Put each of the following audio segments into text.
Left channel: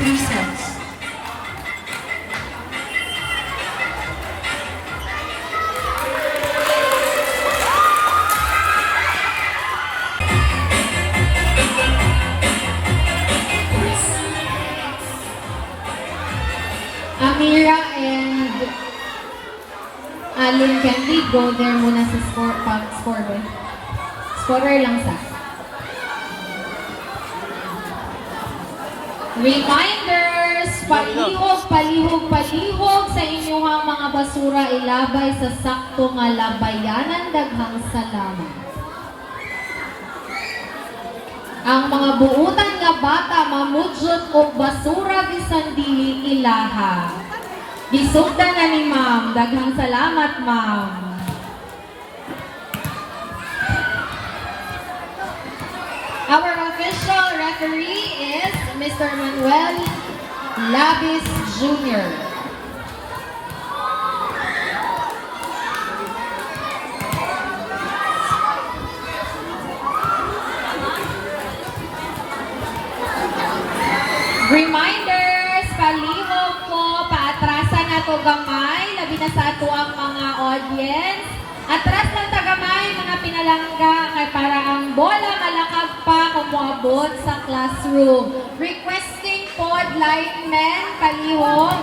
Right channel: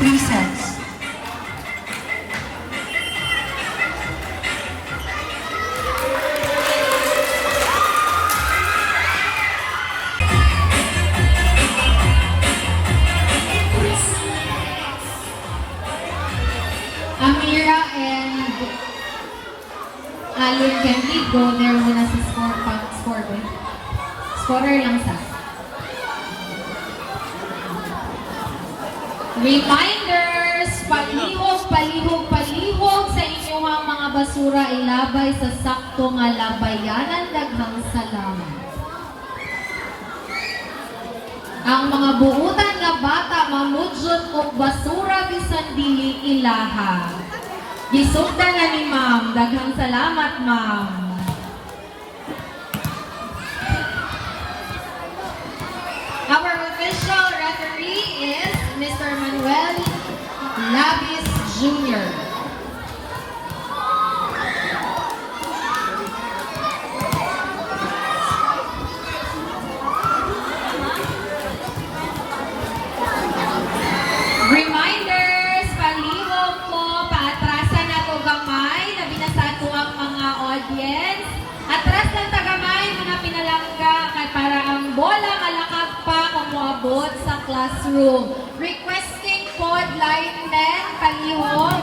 3 sets. Amira and Alin Candy go there muna sa score. Scorer lang sa. Reminders! Palihog sa inyong mga basura ilabay sa sakto nga labayanan. Daghang salamat. Ang mga buutan nga bata mamudyot og basura bisan dili ilaha. Gisugdan na ni ma'am. Daghang salamat, ma'am. Our official referee is Mr. Manuel Labis Jr. Reminders, palihog po, paatrasan na to gamay, labi na sa ato ang mga audience. Atras ng tagamay, mga pinalangga, kay para ang bola kalakag pa kung moabot sa classroom. Requesting pod linemen, palihog.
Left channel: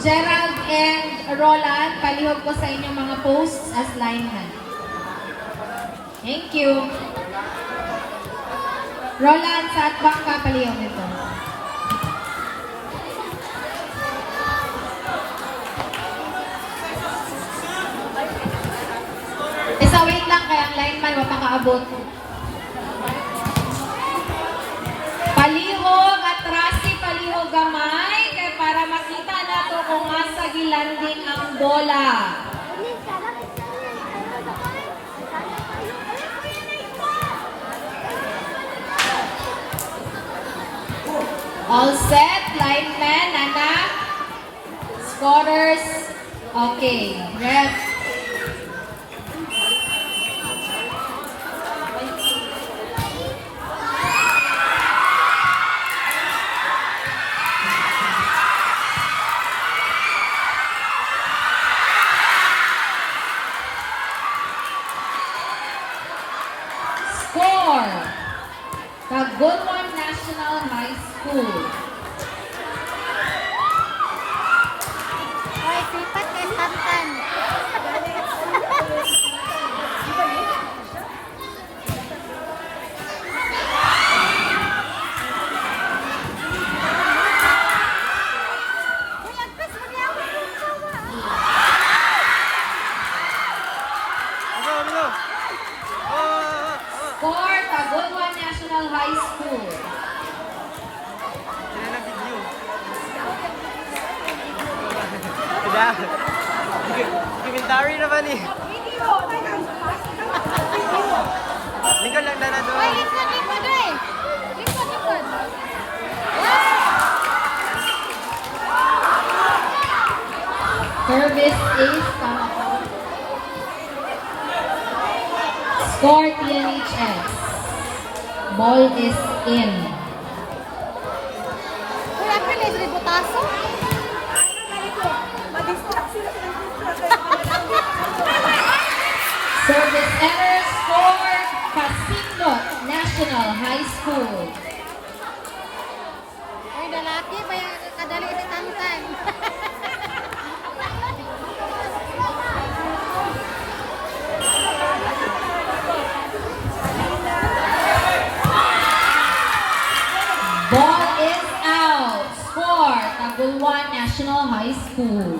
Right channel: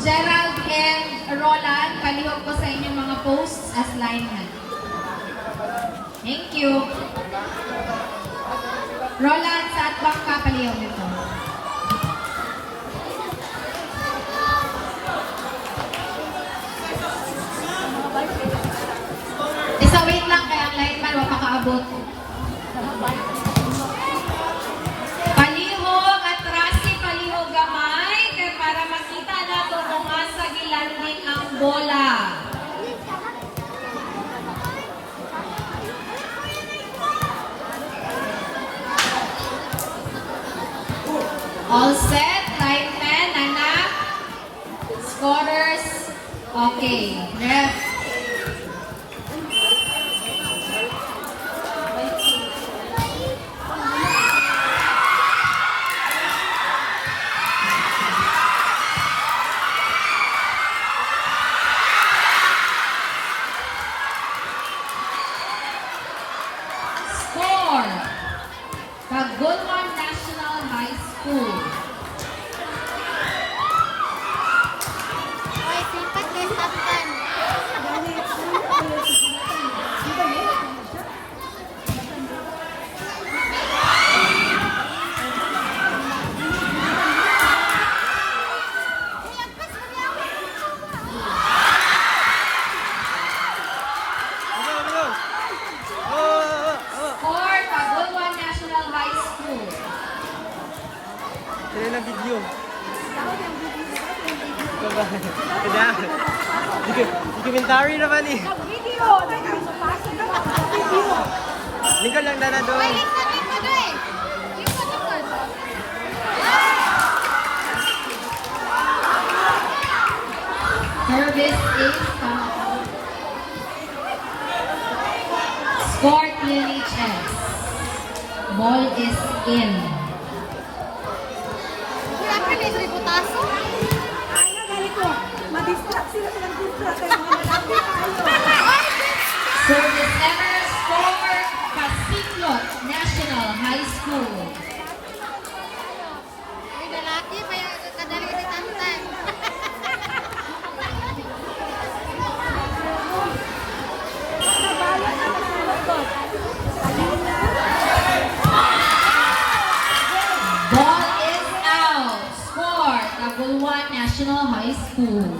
Gerald and Roland, palihog ko sa inyong mga posts as linemen. Thank you. Roland, sa atbak ka, palihog ito. Wait lang kaya ang lineman mapakaabot. Palihog at trusty palihog gamay kaya para makita nato kung masa gilanding ang bola. All set, lineman, anak, scorers, okay, ref. Cagumon National High School. Score, Cagumon National High School. Sila na video. Ada. Documentary naman eh. Lingkod lang na doon. Service is score PNHS. Ball is in. Service errors for Pasilot National High School. Ay, lalaki pa yung kadali na kamutan. Ball is out. Score, Tagulwan National High School.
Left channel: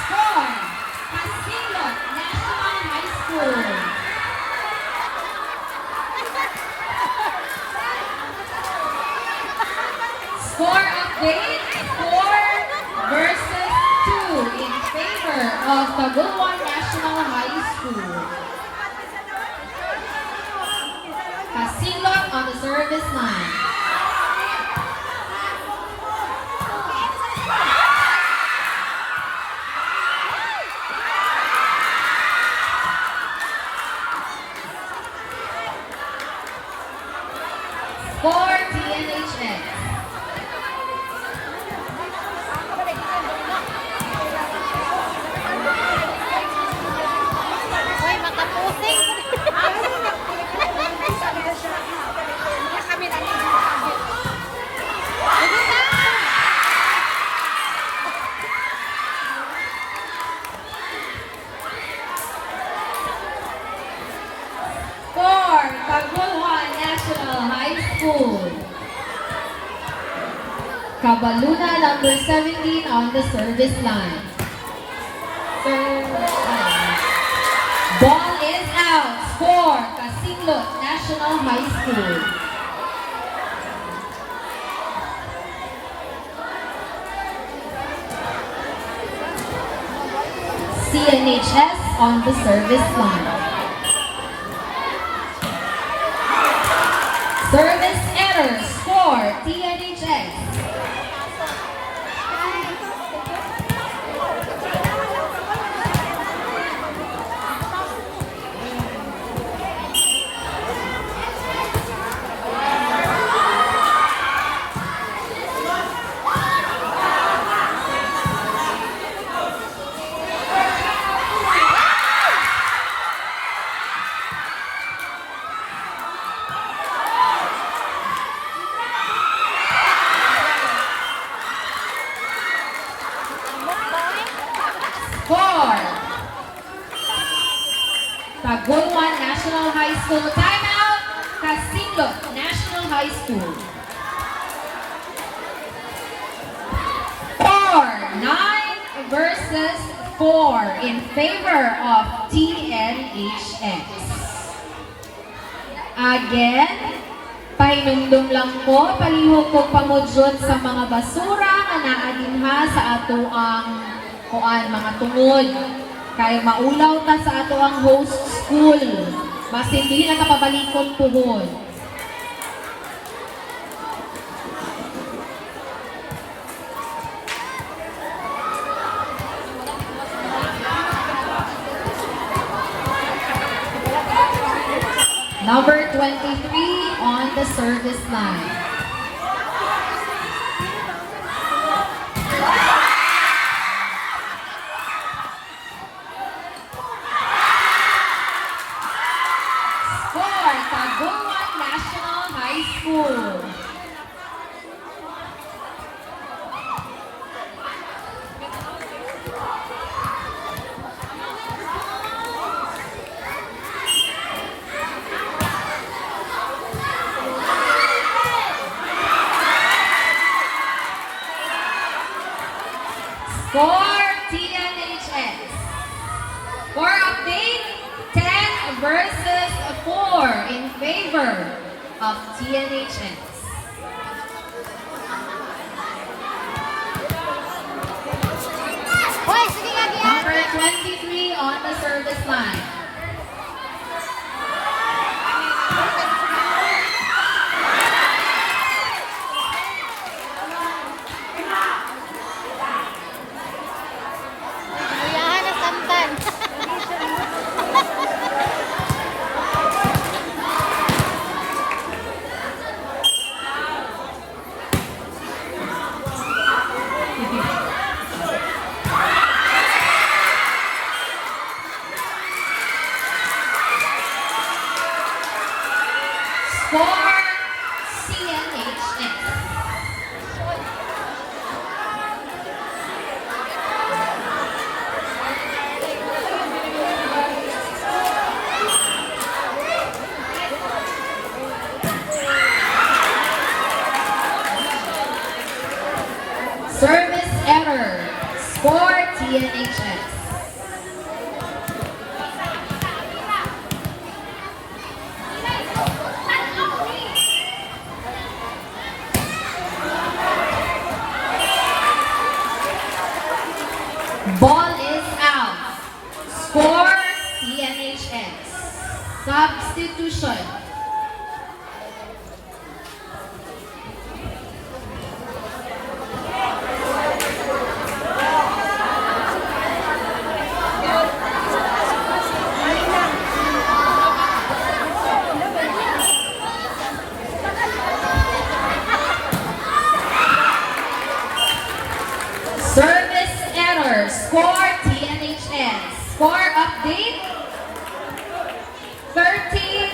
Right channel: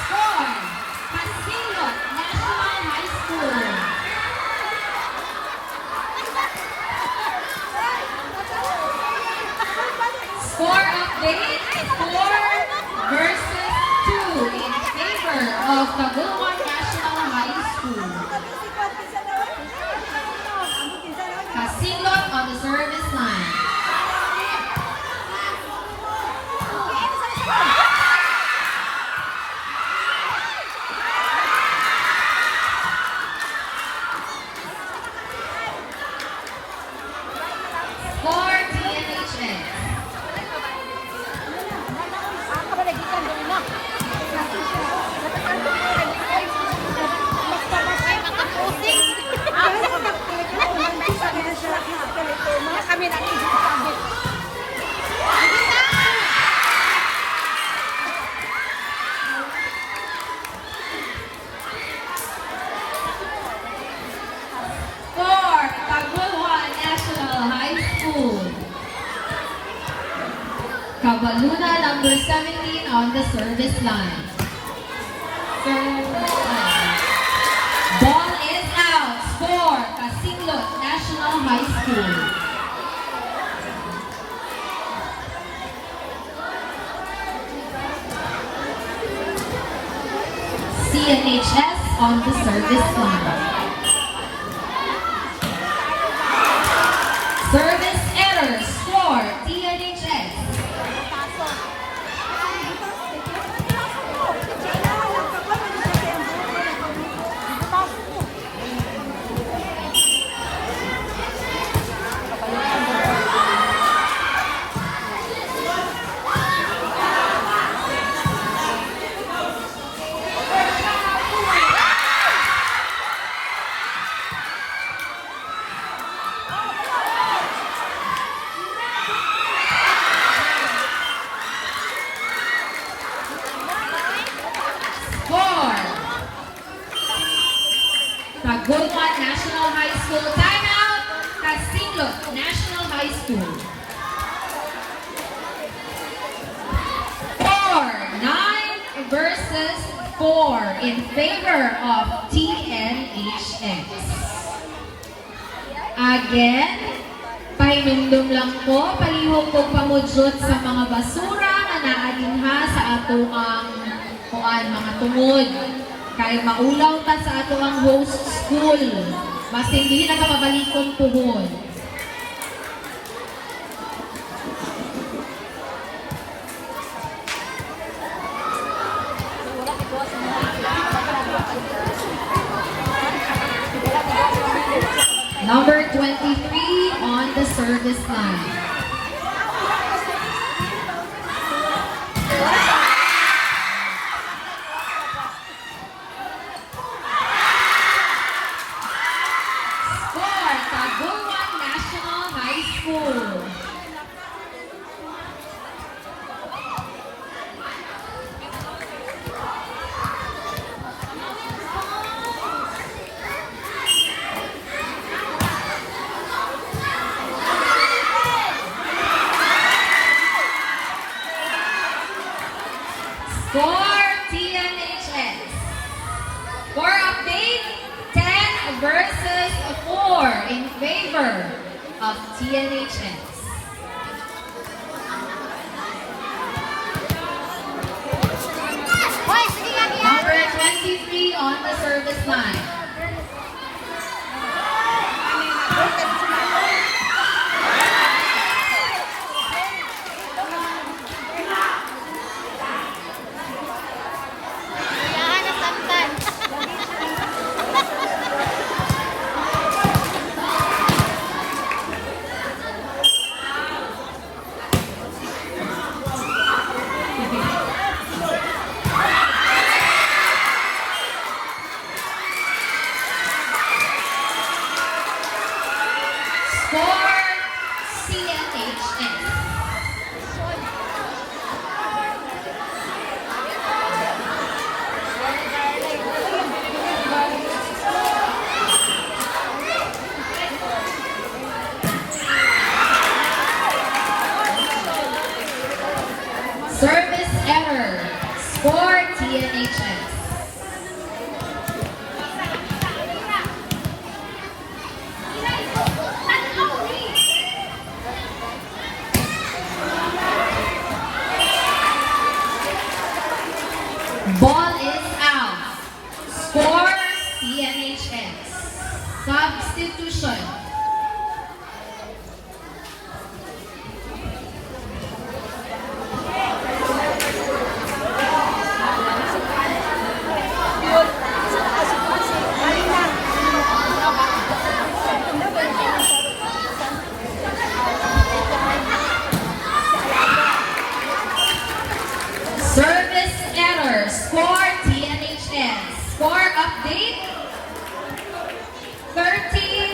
Score, Pasilot National High School. Baluna, number 17 on the service line. Ball is out. Score, Kasinglot National High School. CNHS on the service line. Service error. Score, TNHS. Score. Tagulman National High School. Timeout. Kasinglot National High School. 9 versus 4 in favor of TNHS. Again, painumdum lang ko, palihog ko pamudyot sa mga basura nga naadinha sa ato ang kuan mga tungod. Kay maulaw ta sa ato ang host school. Mas hindi na kapabalikon puhon. Number 23 on the service line. Score, Tagulman National High School. Score, TNHS. Score update, 10 versus 4 in favor of TNHS. Hoy, sige nga niya. Number 23 on the service line. Kuyahan na santan. Score, CNHS. Service error. Score, TNHS. Ball is out. Score, CNHS. Substitution. Service error. Score, TNHS. Score update, 13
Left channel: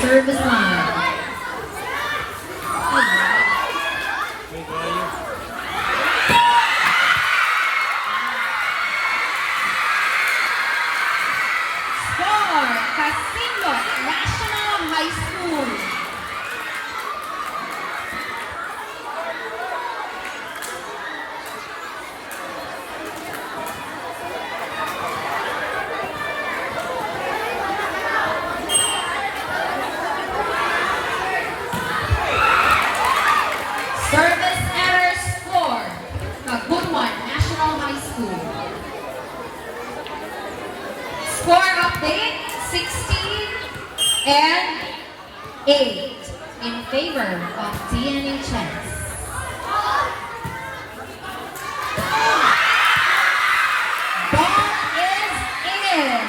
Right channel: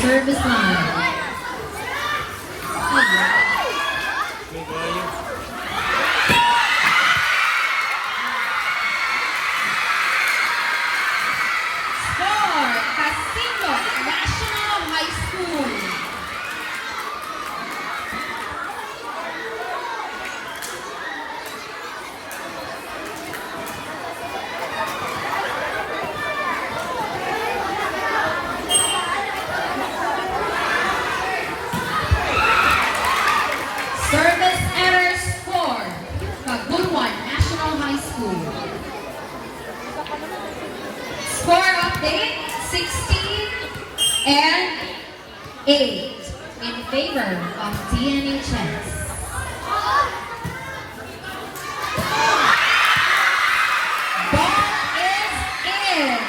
service line. Score, Casino National High School. Service error score, Kabuluan National High School. Score update, 16 and 8 in favor of DNHS. Ball is in.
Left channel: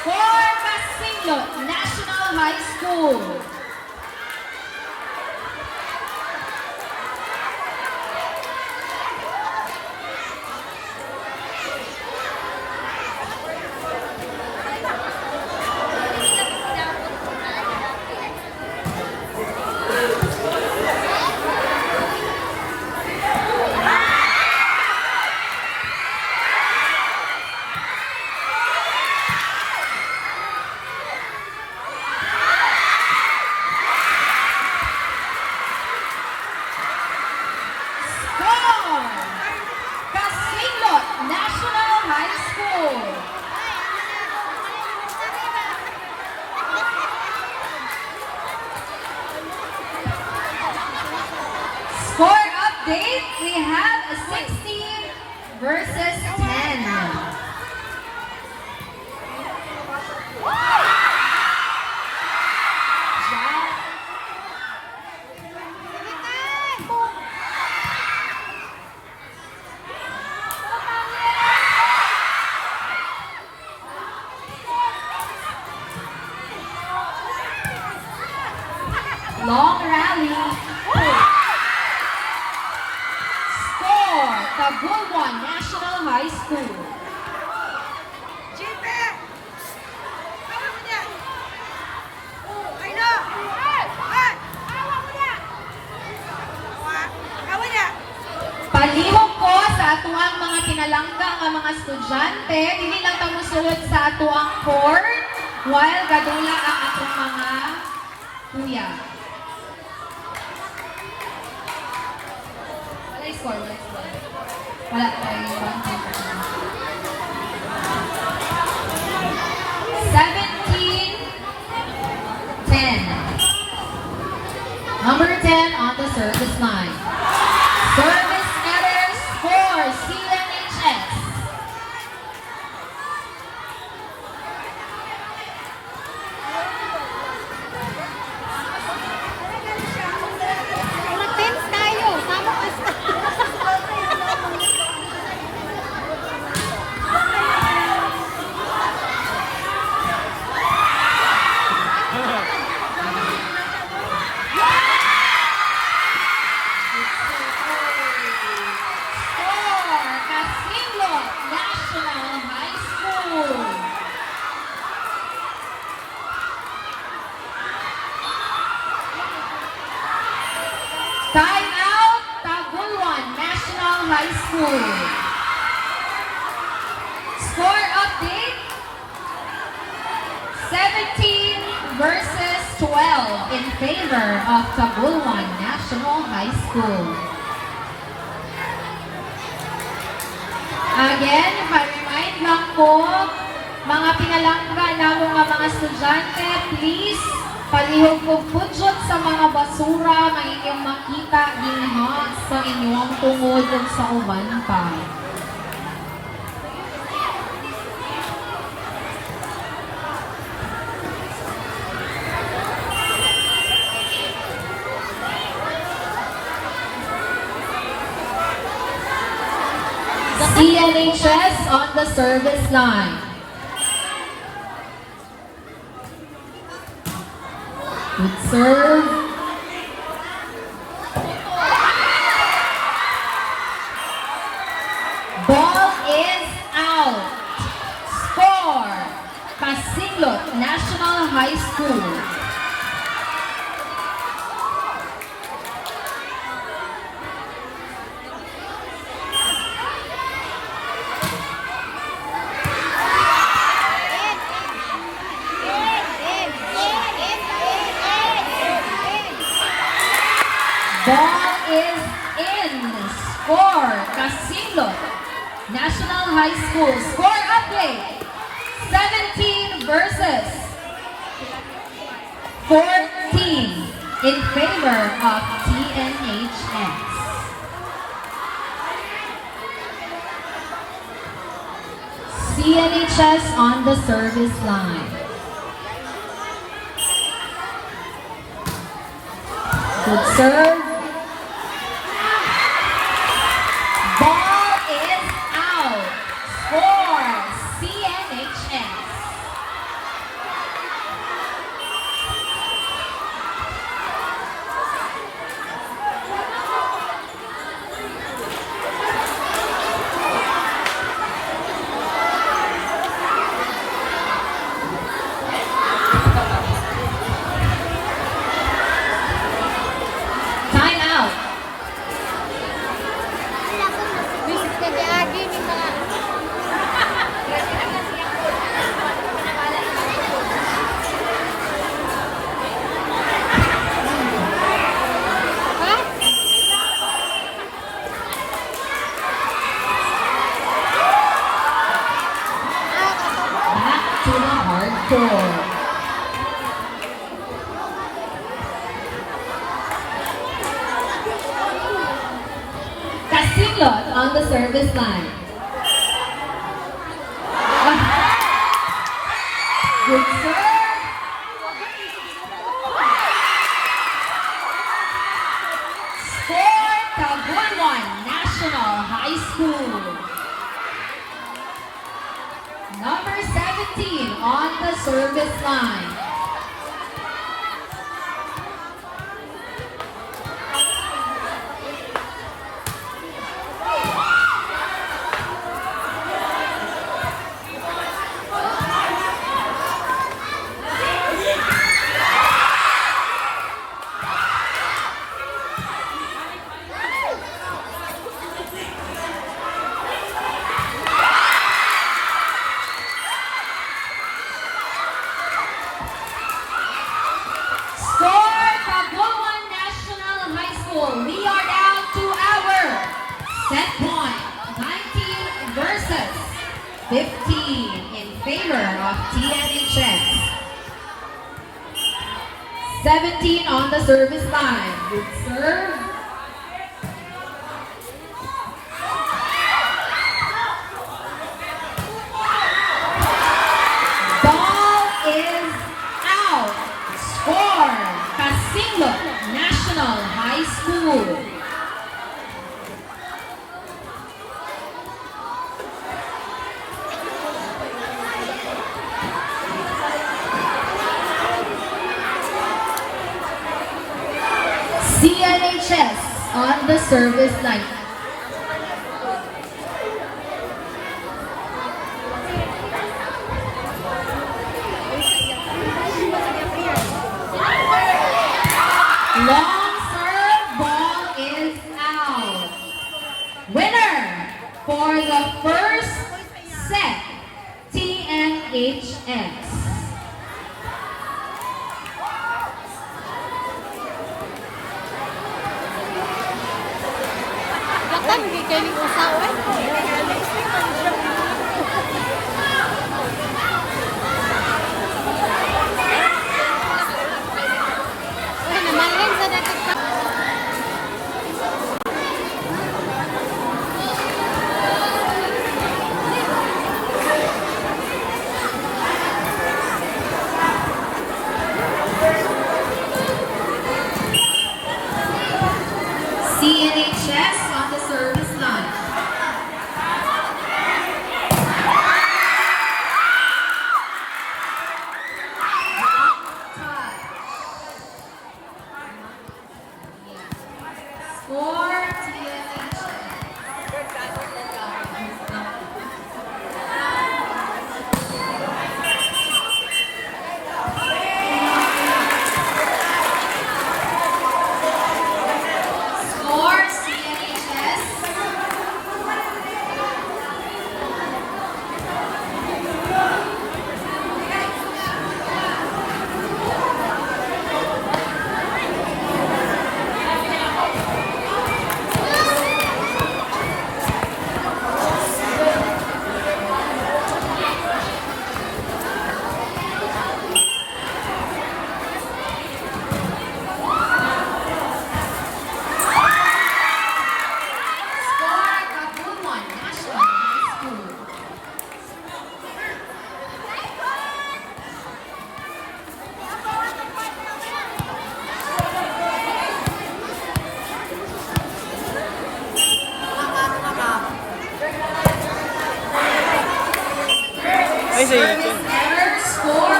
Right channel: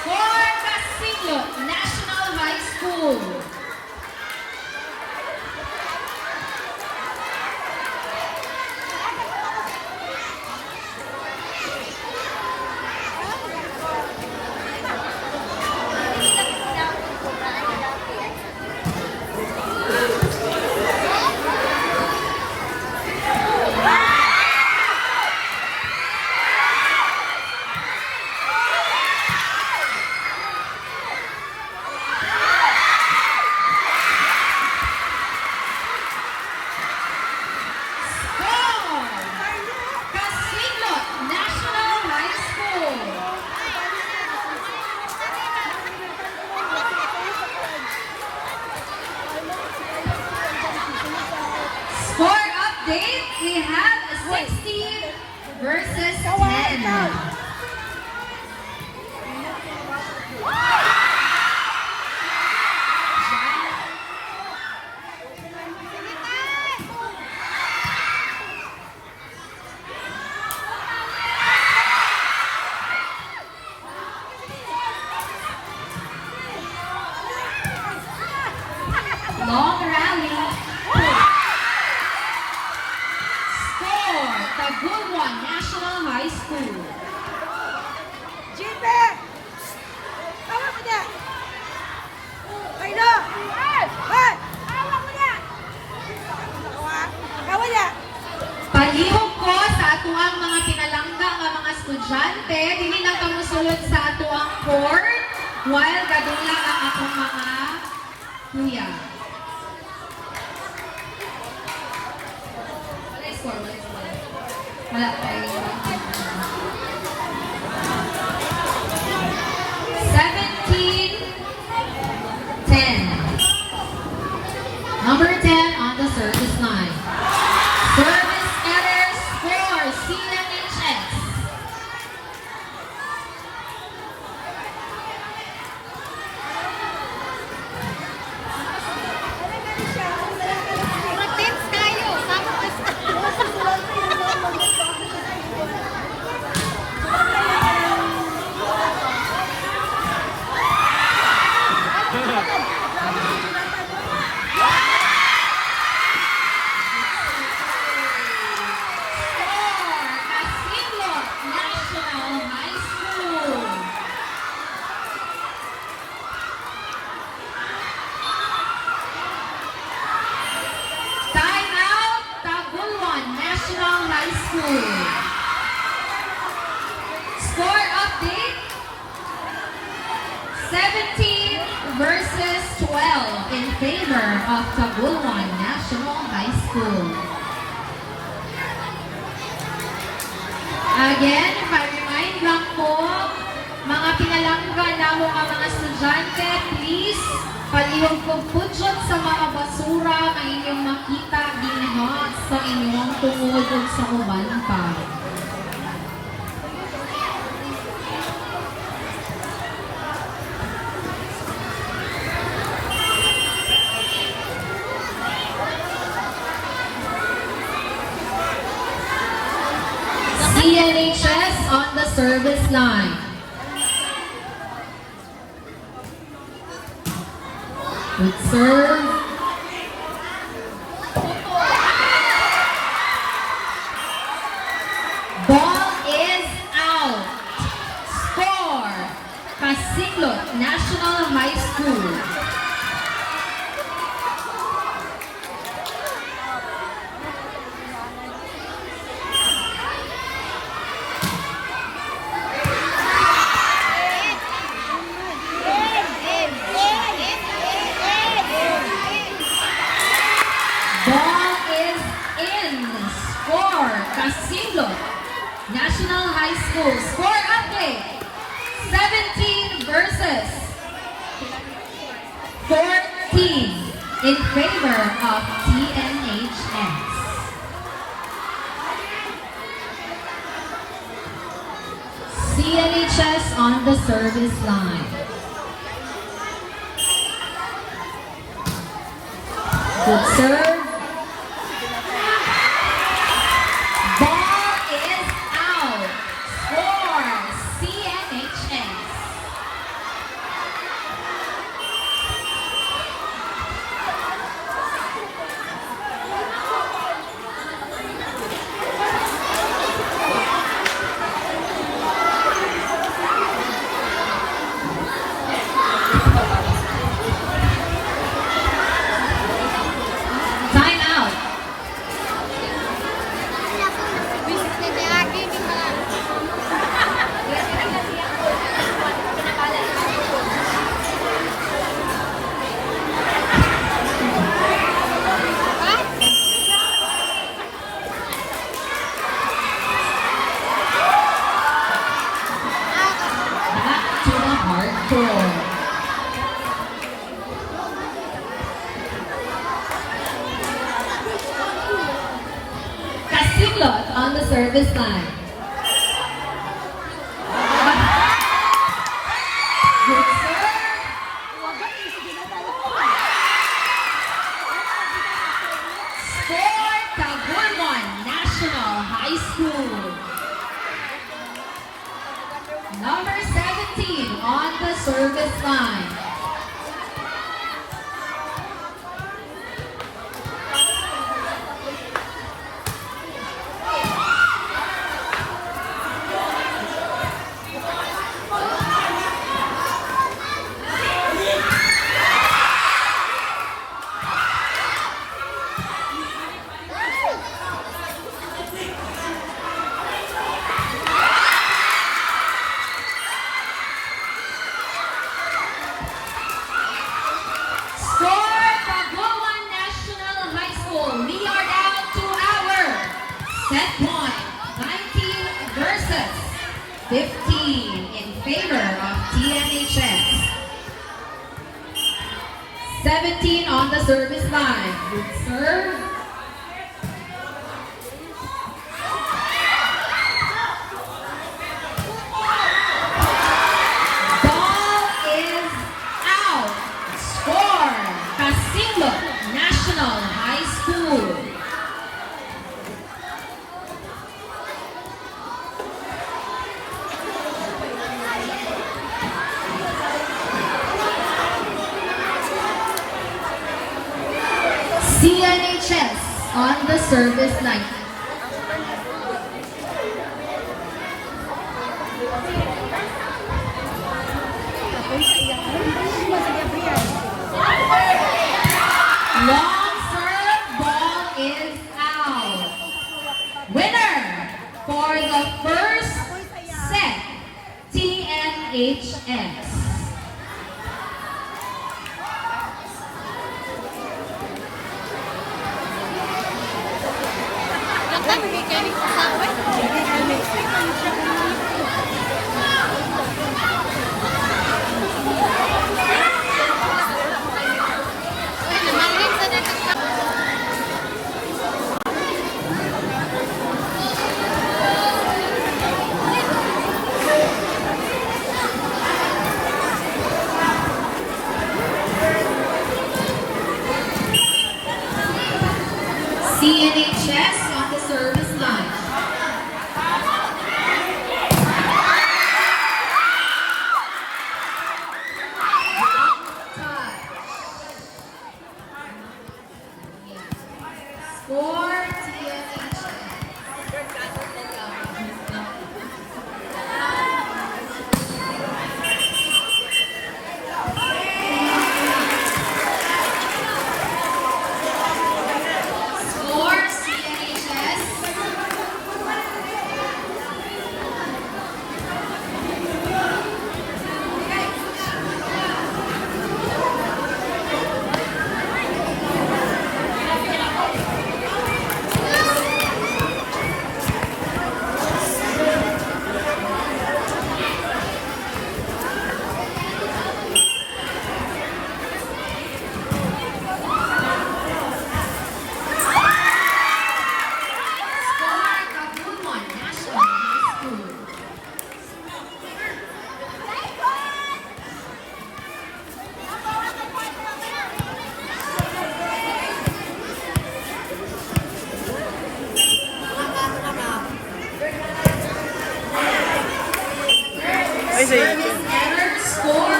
Score Casino National High School. Casino National High School. Score update, we have a 16 versus 10. Long rally. Score, Kabuluan National High School. Jipe! Tawa mo niya! Ay, no! Ay! Tawa mo niya! Tawa niya! Palihog ko sa atuang mga pinalangga nga mga estudyante, dili na tamo sulod sa atuang court, while gadula ang atong mga kuya. Ano score? Wala tayo. 17-10. Number 10 on the service line. Service error score, CNHS. Matins tayo! Score, Casino National High School. Time out, Kabuluan National High School. Score update, 17 versus 12 in favor of Kabuluan National High School. Again, pa-remind lang po, mga pinalangga namo nga mga estudyante, please, palihog po pudyon sa mga basura, ang inyong makita, ginhas sa inyong tungod o sa uban pa. CNHS on the service line. Good serve. Ball is out. Score, Pasilot National High School. for Casillo National High School. Score update. 17 versus 14 in favor of TNHS. CNHS on the service line. Good serve. Ball is out for CNHS. Time out. Back to the hard court. Casillo on the service line. Good serve. Score Kabulwan National High School. Number 17 on the service line. Score Kabulwan National High School. We are down to our set point. 19 versus 15 in favor of TNHS. 17 on the service line. Good serve. Ball is out. Score Casillo National High School. CNHS on the service line. Long serve, ball is out. Winner for the first set, TNHS. CNHS on the service line. Score TNHS. Score CNHS.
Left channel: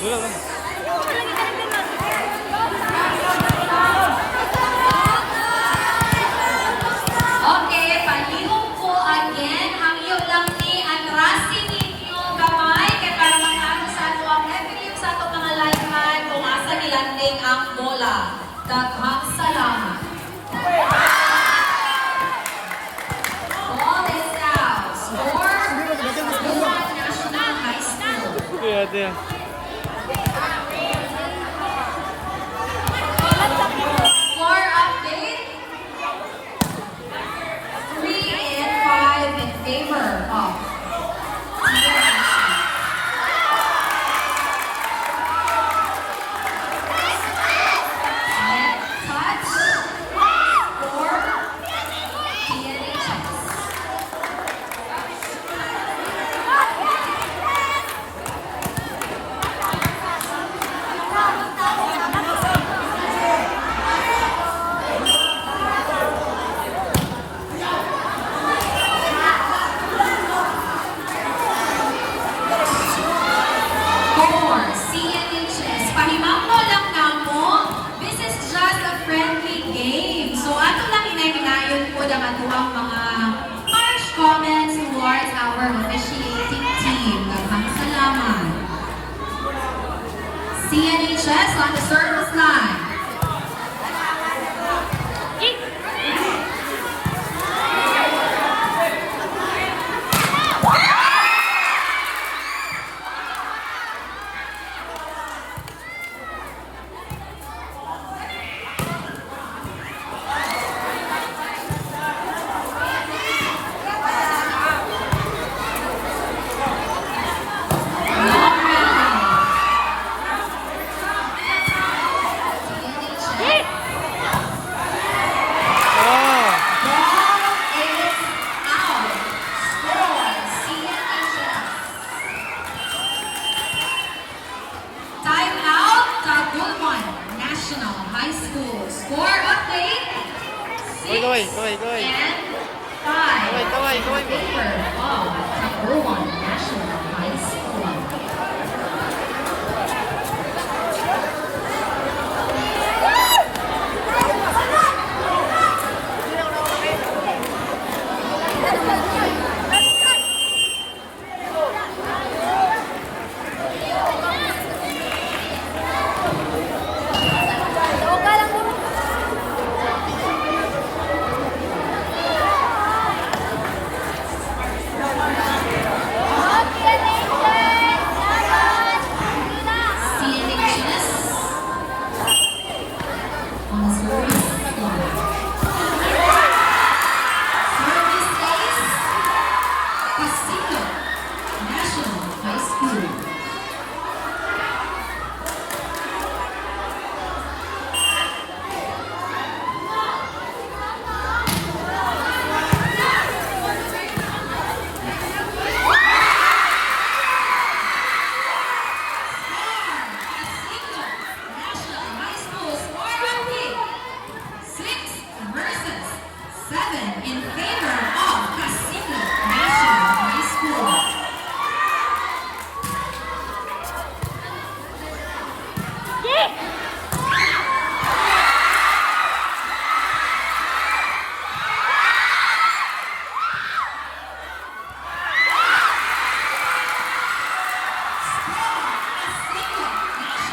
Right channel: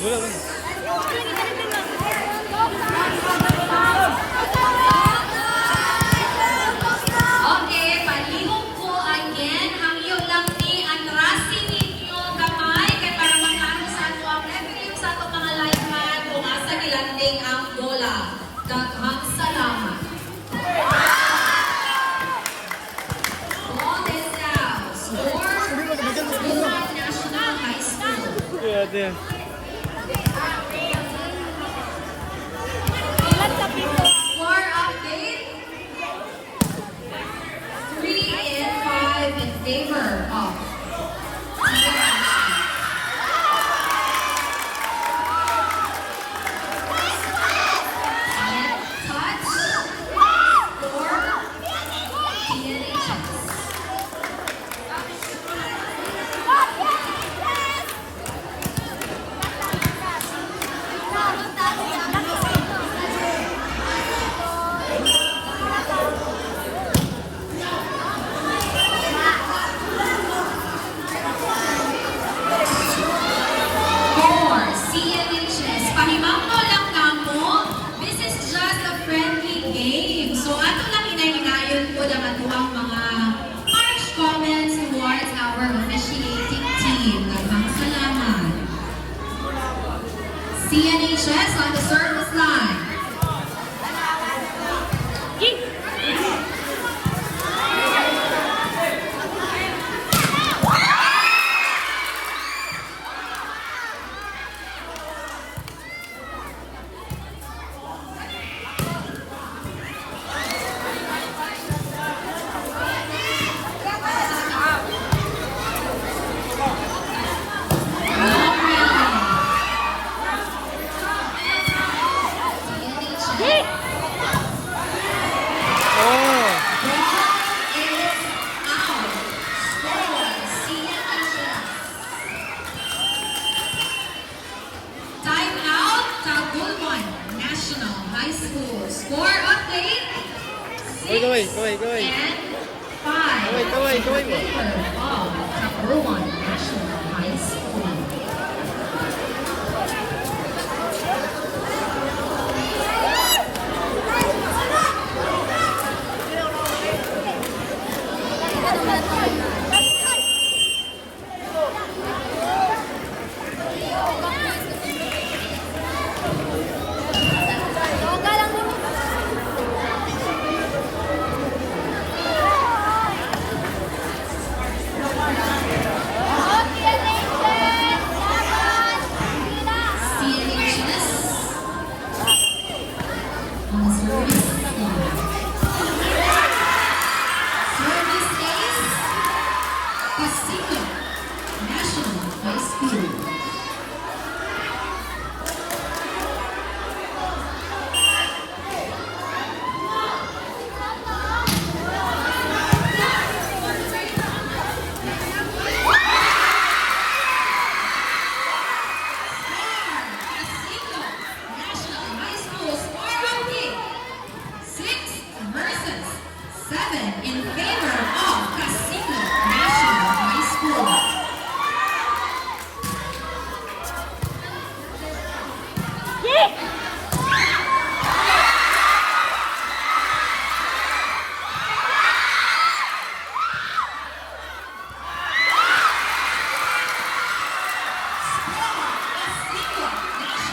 Dulo ba? Okay, palihog po again. Ang iyo lang ni atrasin ninyo gamay. Kaya para makaano sa ato ang every sa ato mga lineman kung asa nilanding ang bola. Daghang salamat. Ball is out. Score, Luzon National High School. Okay, ate. Score update. 3 and 5 in favor of Net touch for TNHS. For CNHS, pahimangko lang kamo, this is just a friendly game. So ato lang hinay-hinayon po lang ato ang mga harsh comments towards our officiating team. Daghang salamat. CNHS on the service line. Long Oh! Ball is out. Score, CNHS. Time out, Tagulman National High School. Score update. Kaway, kaway, kaway. And 5. Kaway, kaway, kaway mo. Tagulman National High School. CNHS on the service line. Service ace, Casino National High School. Casino National High School score update. 6 versus 7 in favor of Casino National High School. Casino National High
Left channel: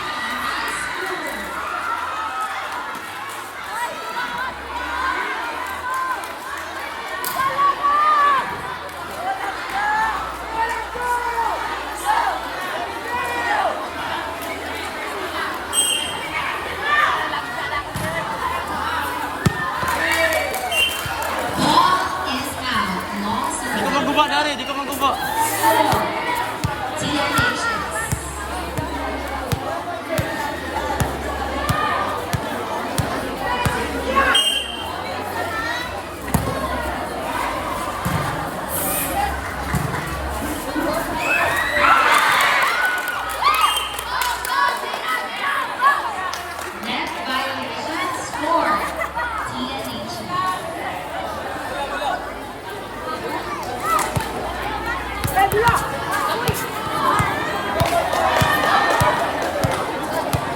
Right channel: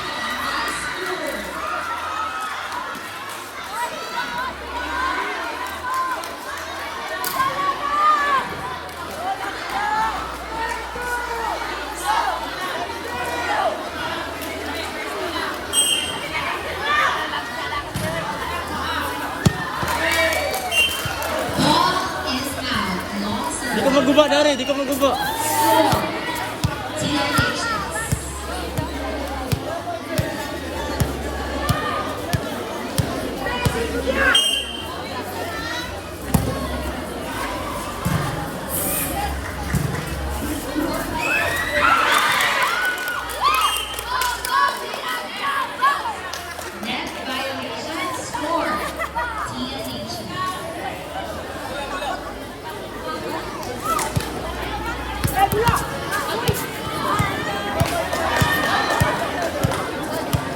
School. Ball is out. Long Di ko serve. maguba, Dari. Di ko maguba. Score. TNHS. Net violation. Score. TNHS.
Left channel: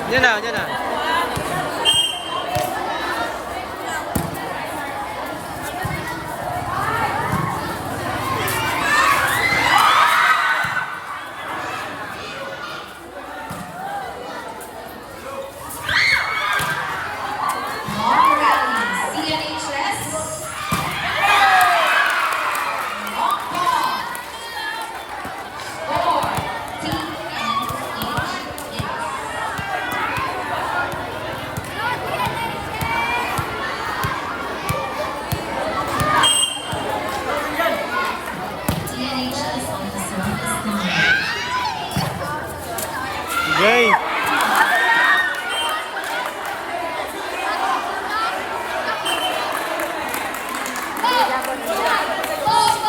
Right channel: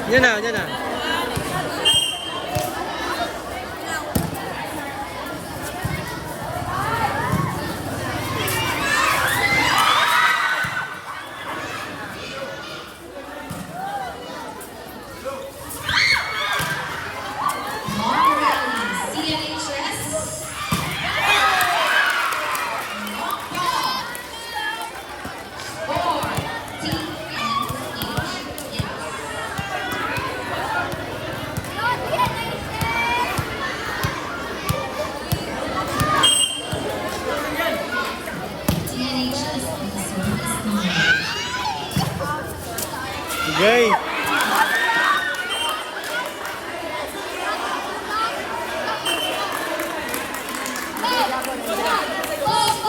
Yan na, yan na. Long rally, CNHS. Long ball. CNHS on the service line. Okay.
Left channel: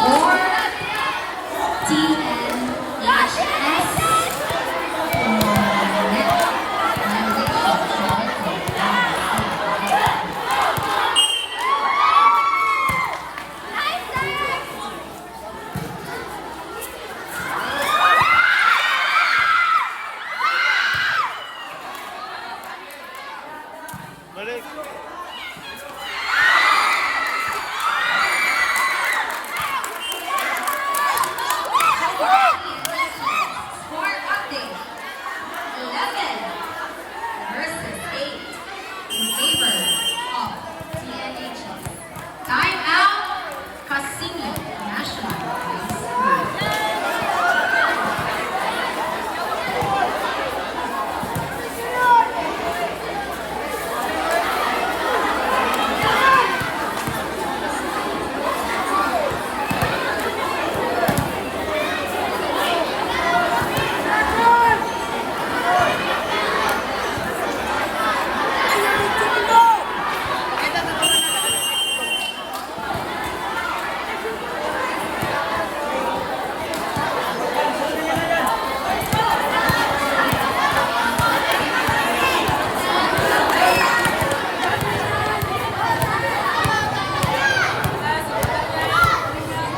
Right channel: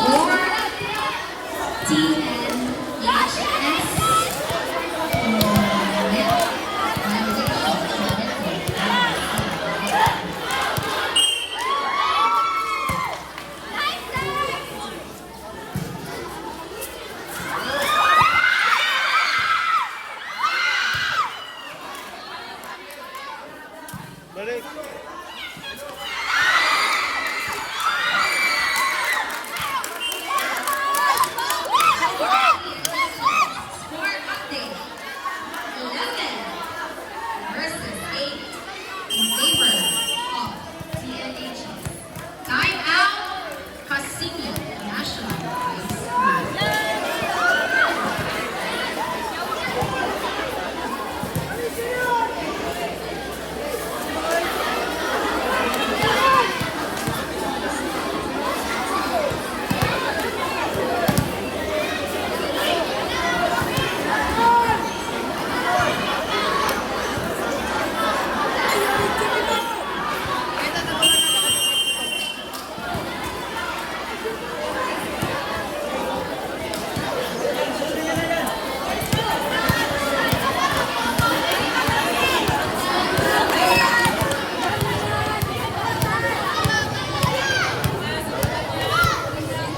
Or TNHS. Balik. Score update. 11 versus 8 in favor of TNHS. Time out, Casini National High School.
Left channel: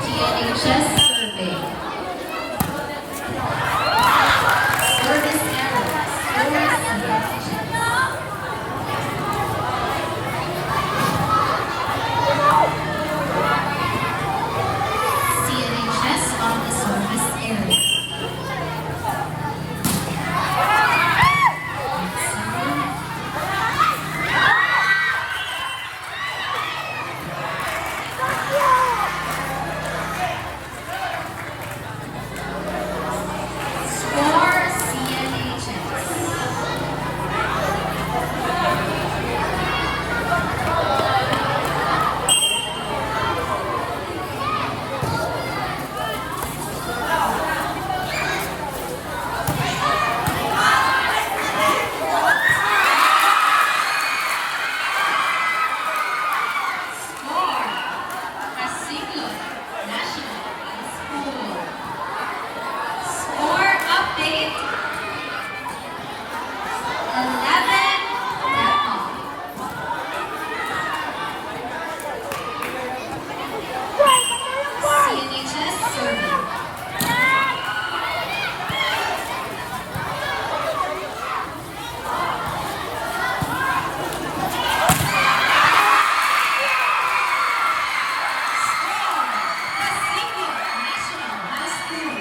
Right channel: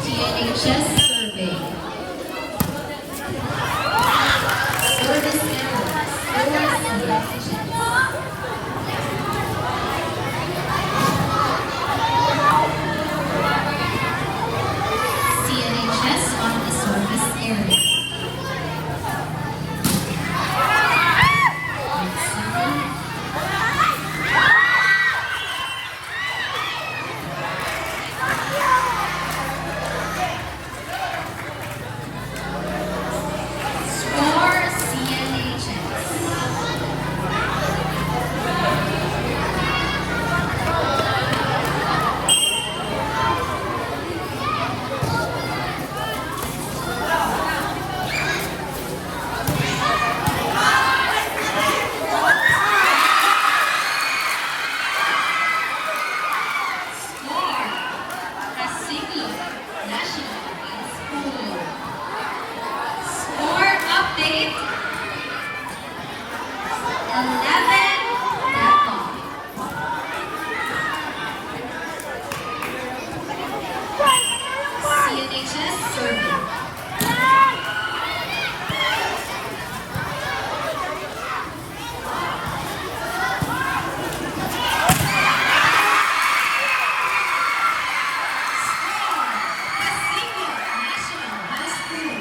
TNHS survey. Service errors. CNHS on the service area. Score CNHS. Score Casini National High School. Score update. 11 Record. CNHS survey. Casino National High School.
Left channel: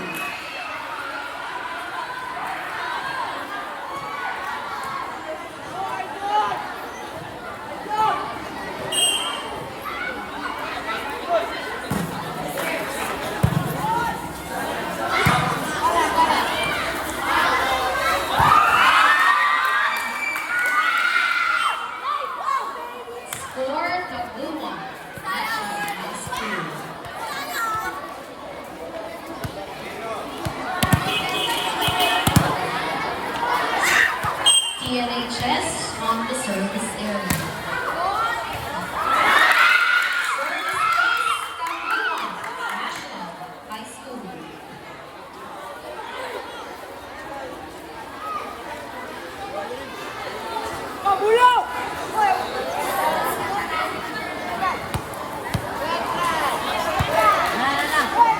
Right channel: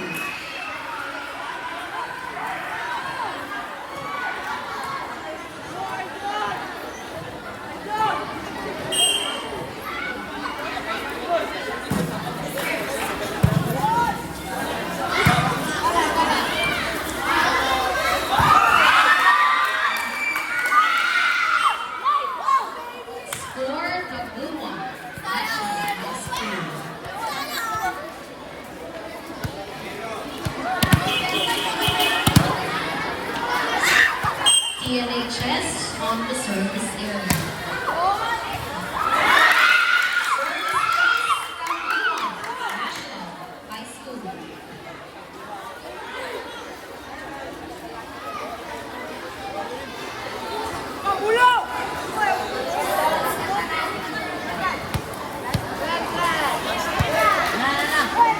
Score Kabuwa National High School. TNHS on the service area. National High School.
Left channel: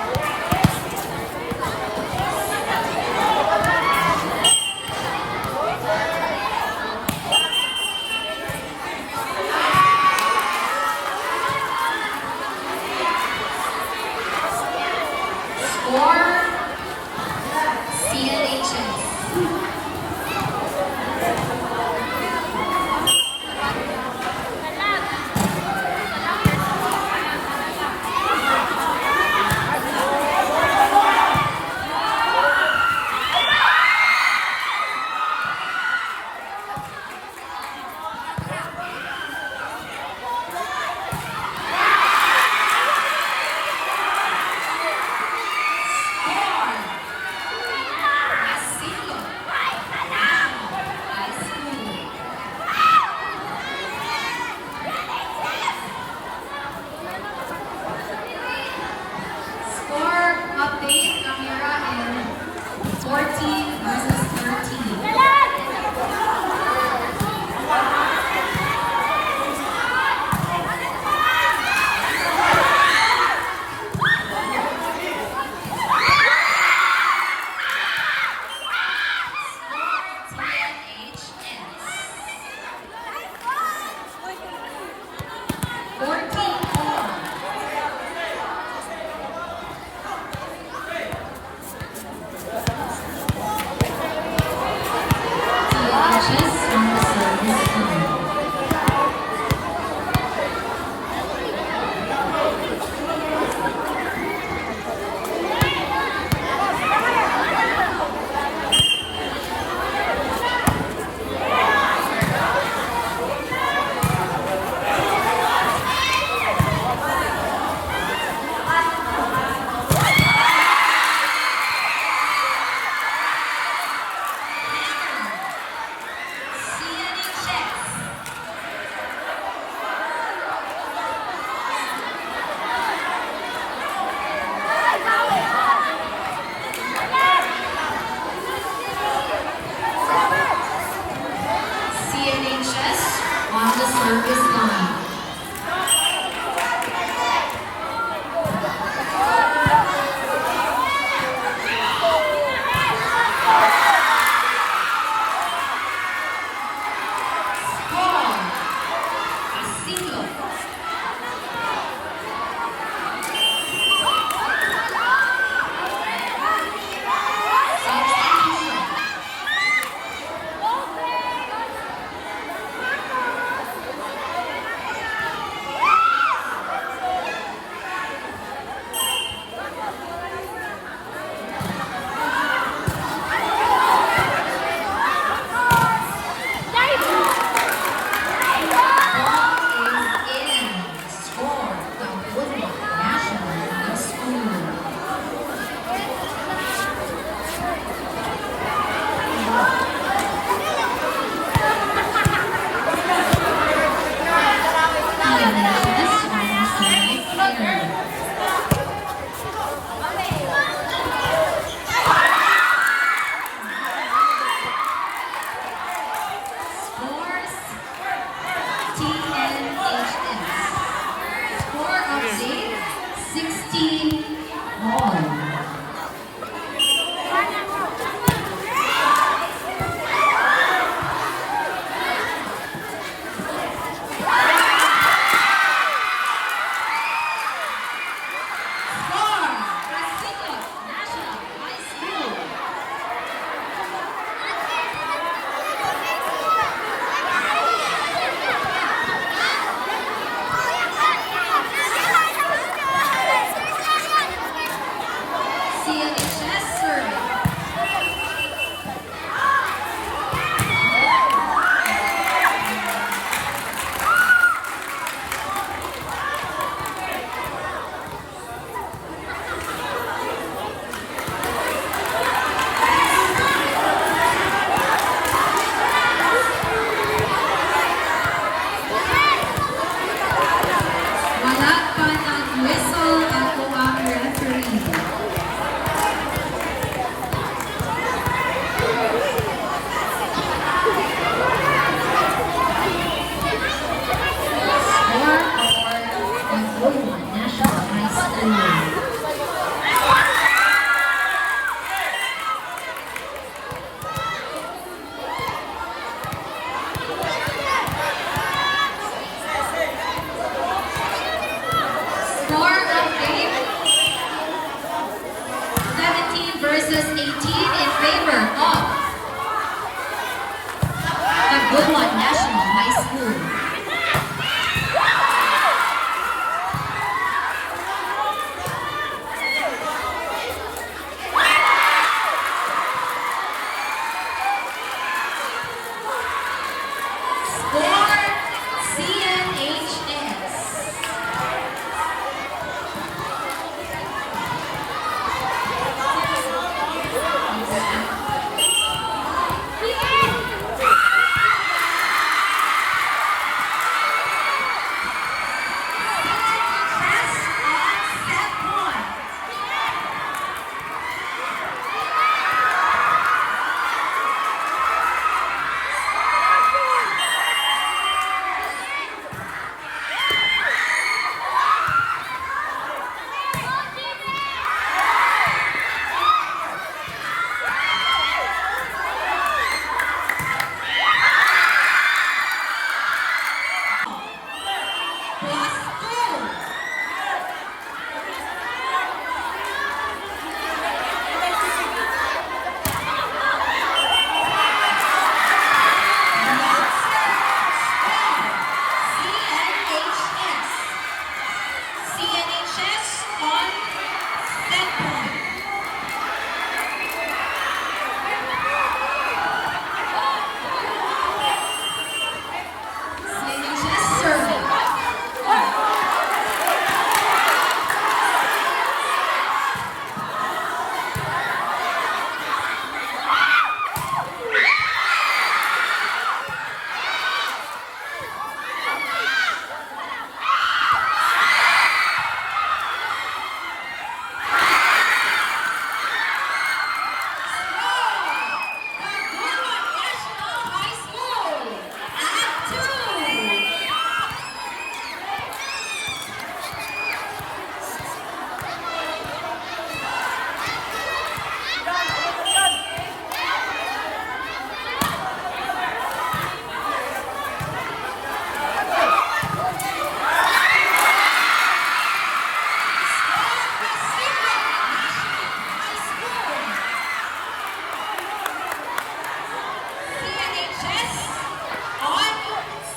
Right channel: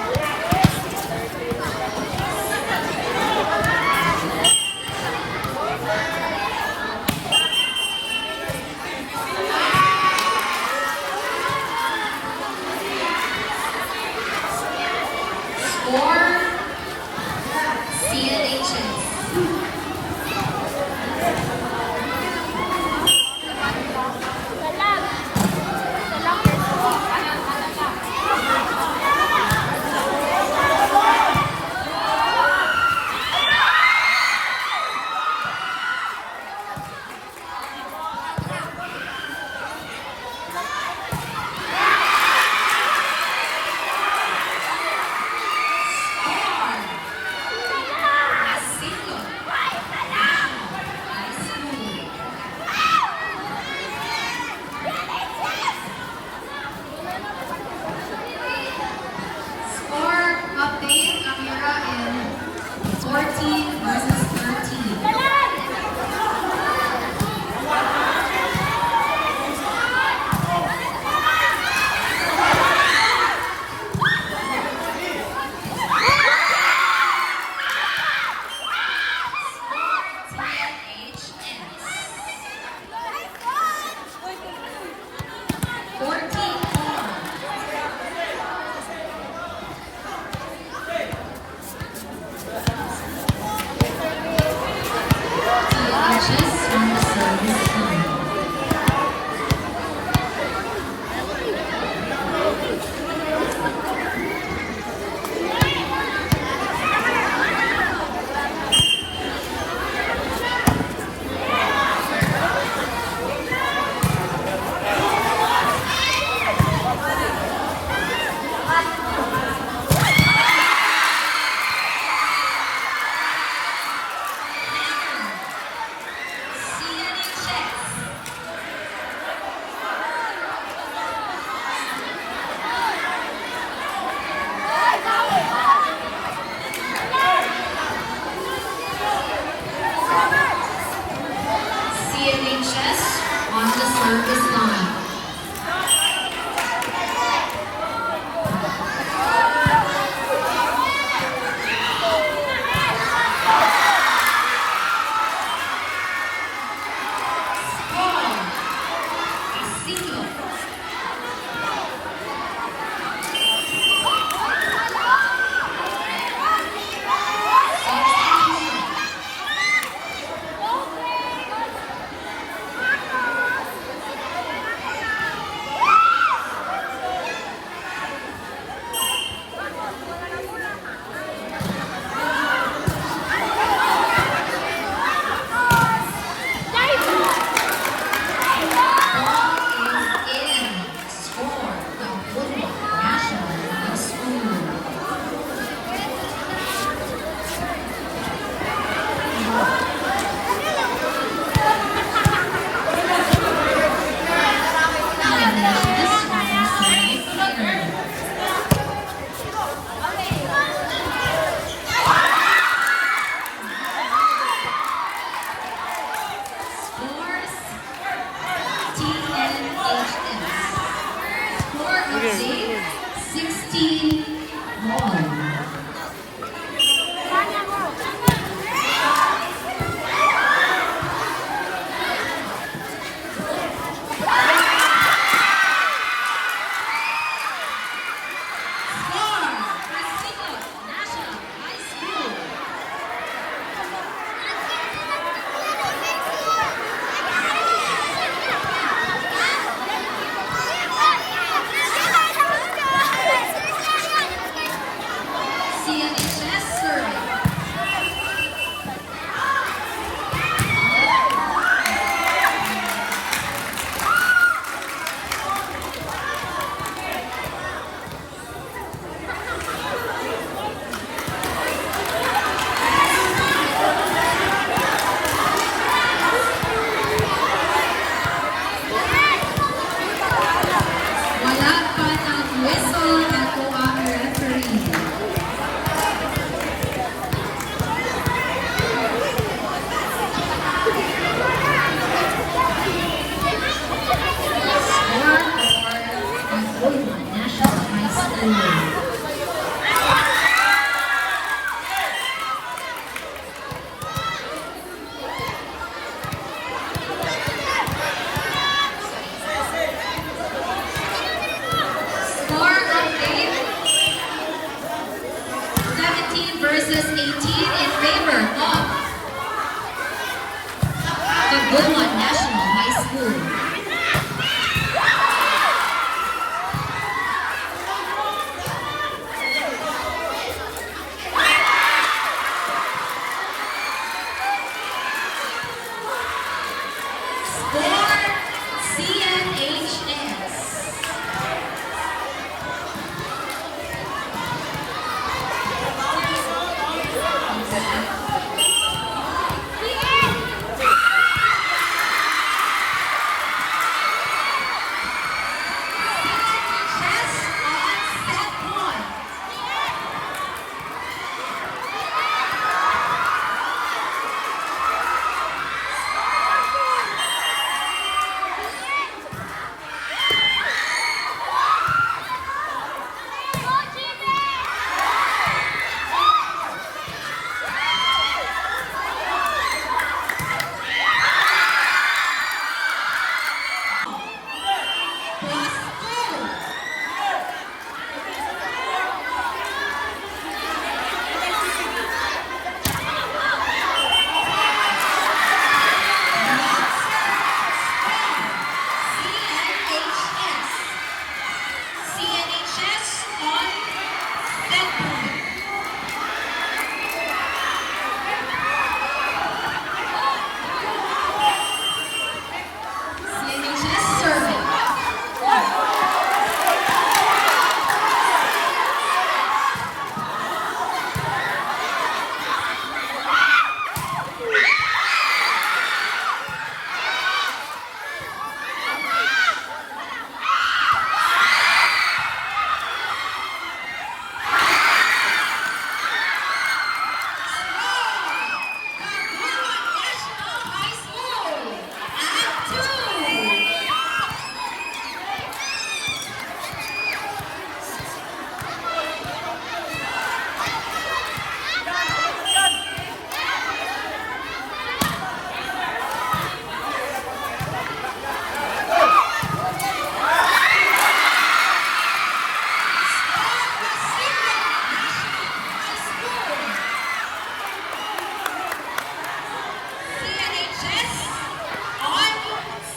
service line. Score. A single. Sige, sige. 16 all. Wala pa ng whistle, ako ang referee. Score of Goldman National High School. Score of game 17 versus 18 in favor of the Goldman National High School. Score CNHS.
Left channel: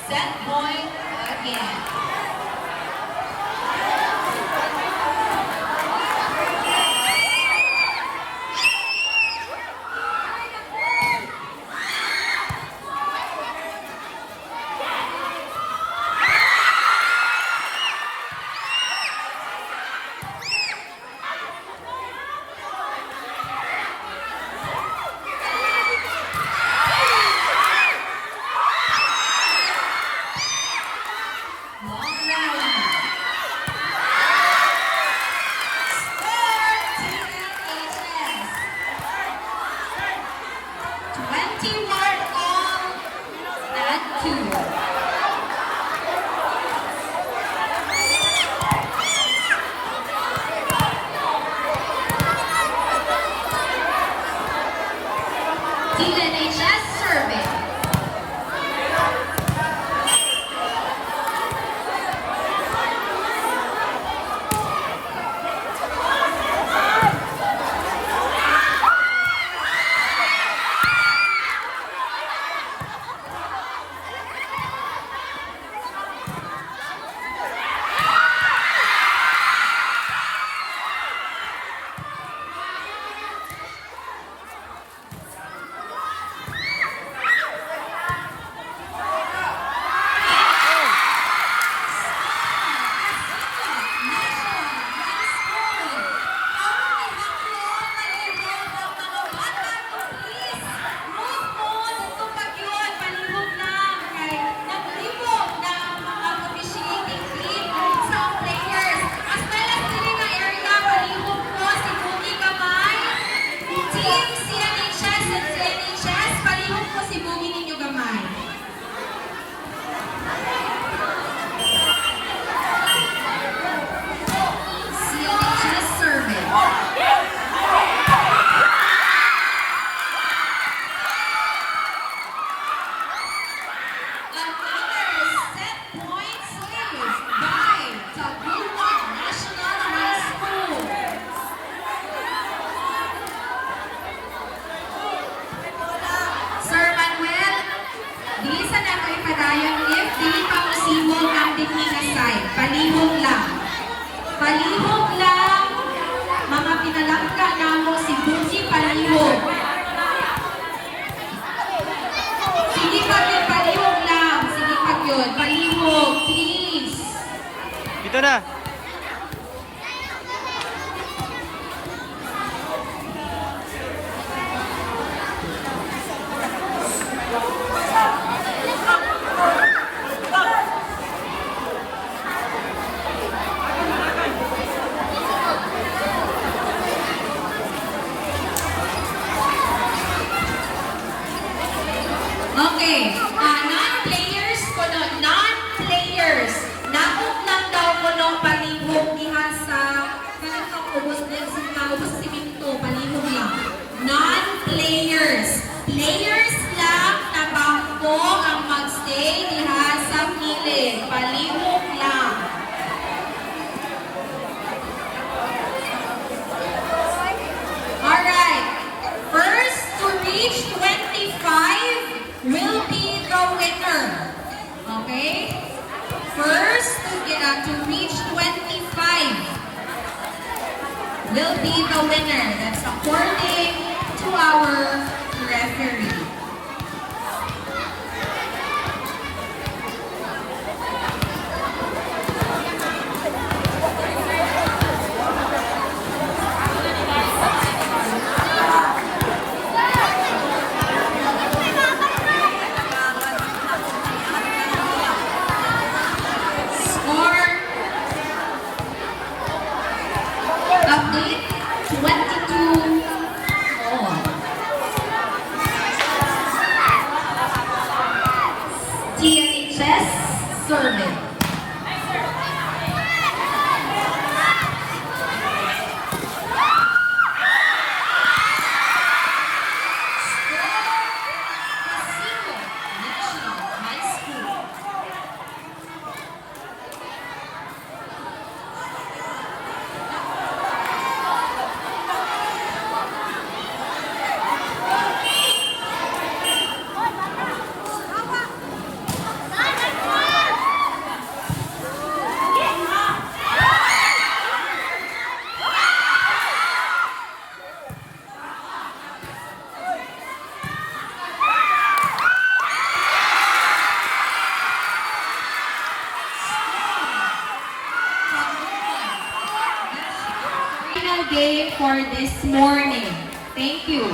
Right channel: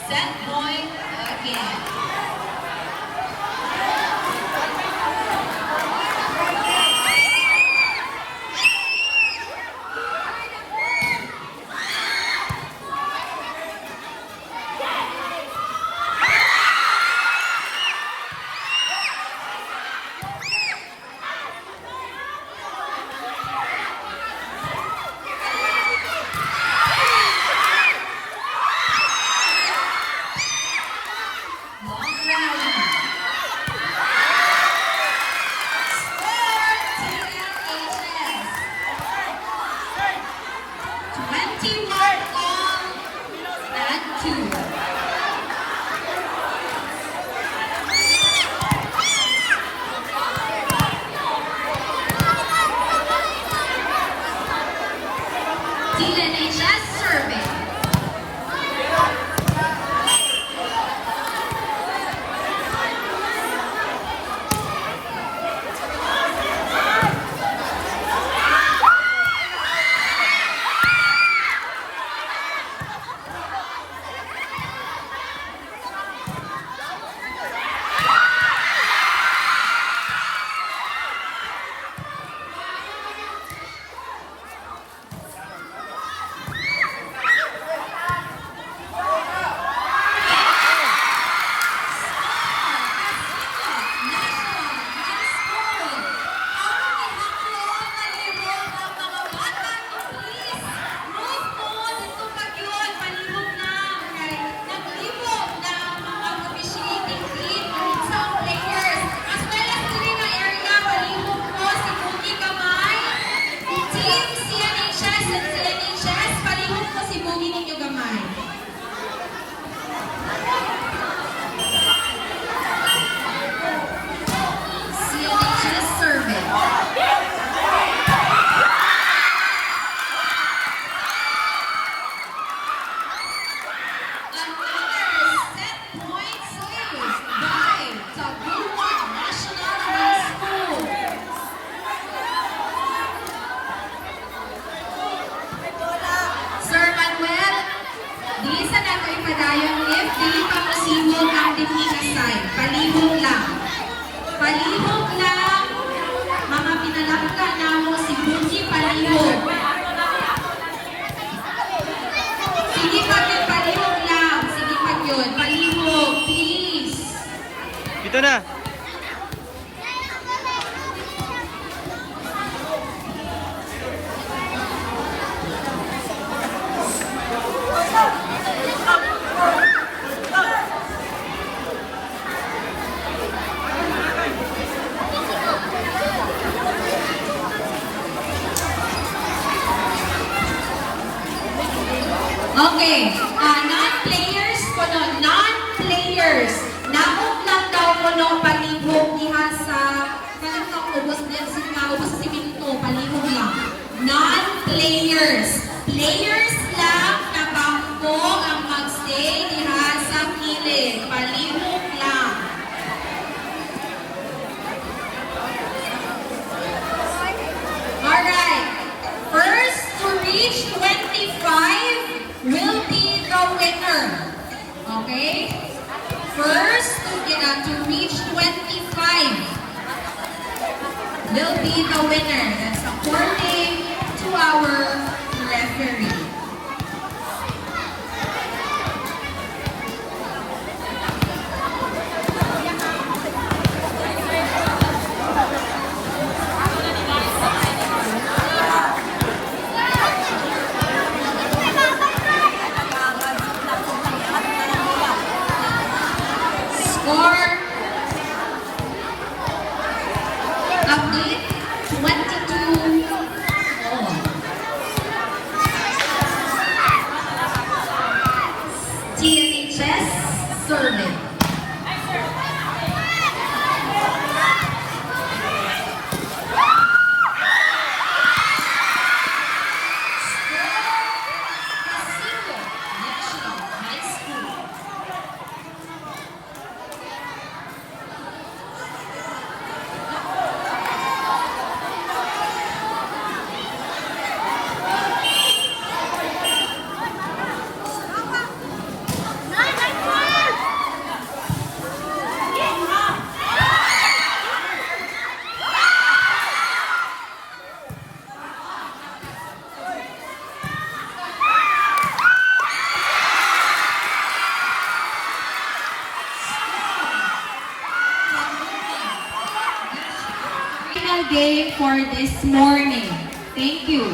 Set point again. Long rally. Score TNHS. 21 all and 2. TNHS serving. Padayon if dili pa possible ang defensive side. Palihog lang. Palihog lang. Mga pinalakta na mo si Busi palihog. Sige pag yun, palihog lang. Sige pag yun, palihog. Please. Dito na. Okay, non-players kuno, non-players. Nakot lang daw kuno palihog iha sa ubos din sa ubos si Pinto, palihog lang. Non-players. Players lang na bangko ang magstay diha sa kilid. Palihog lang. Alright. First to reach 25 will be the winner. Okay? First to reach 25 will be the winner. That's according to our referee. Score update 22 all. game for this morning. Thank you.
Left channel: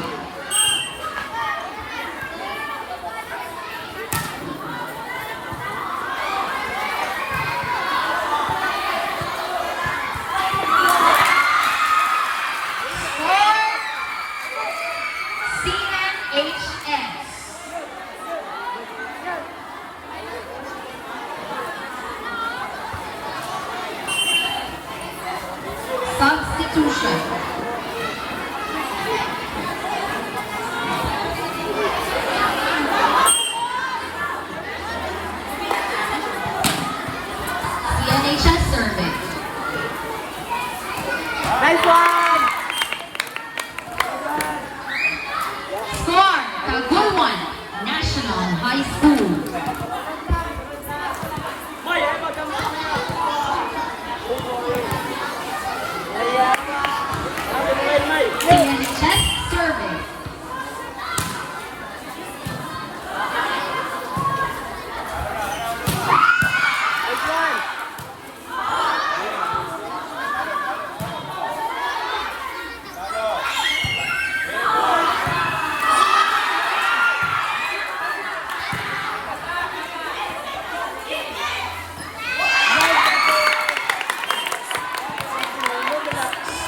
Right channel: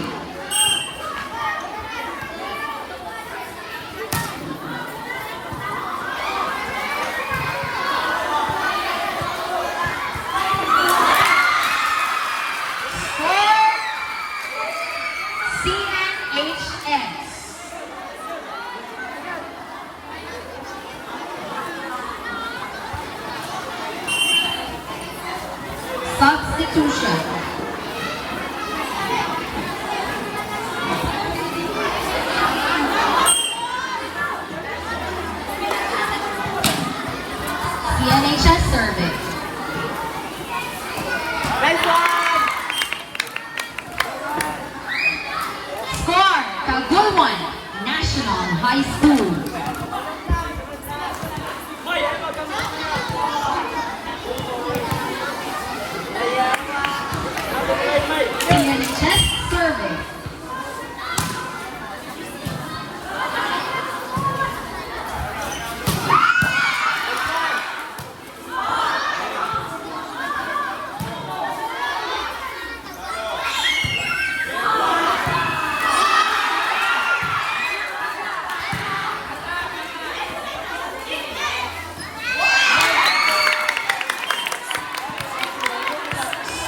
CNHS. Substitution. CNHS survey. Score, Tagulman National High School. CNHS survey.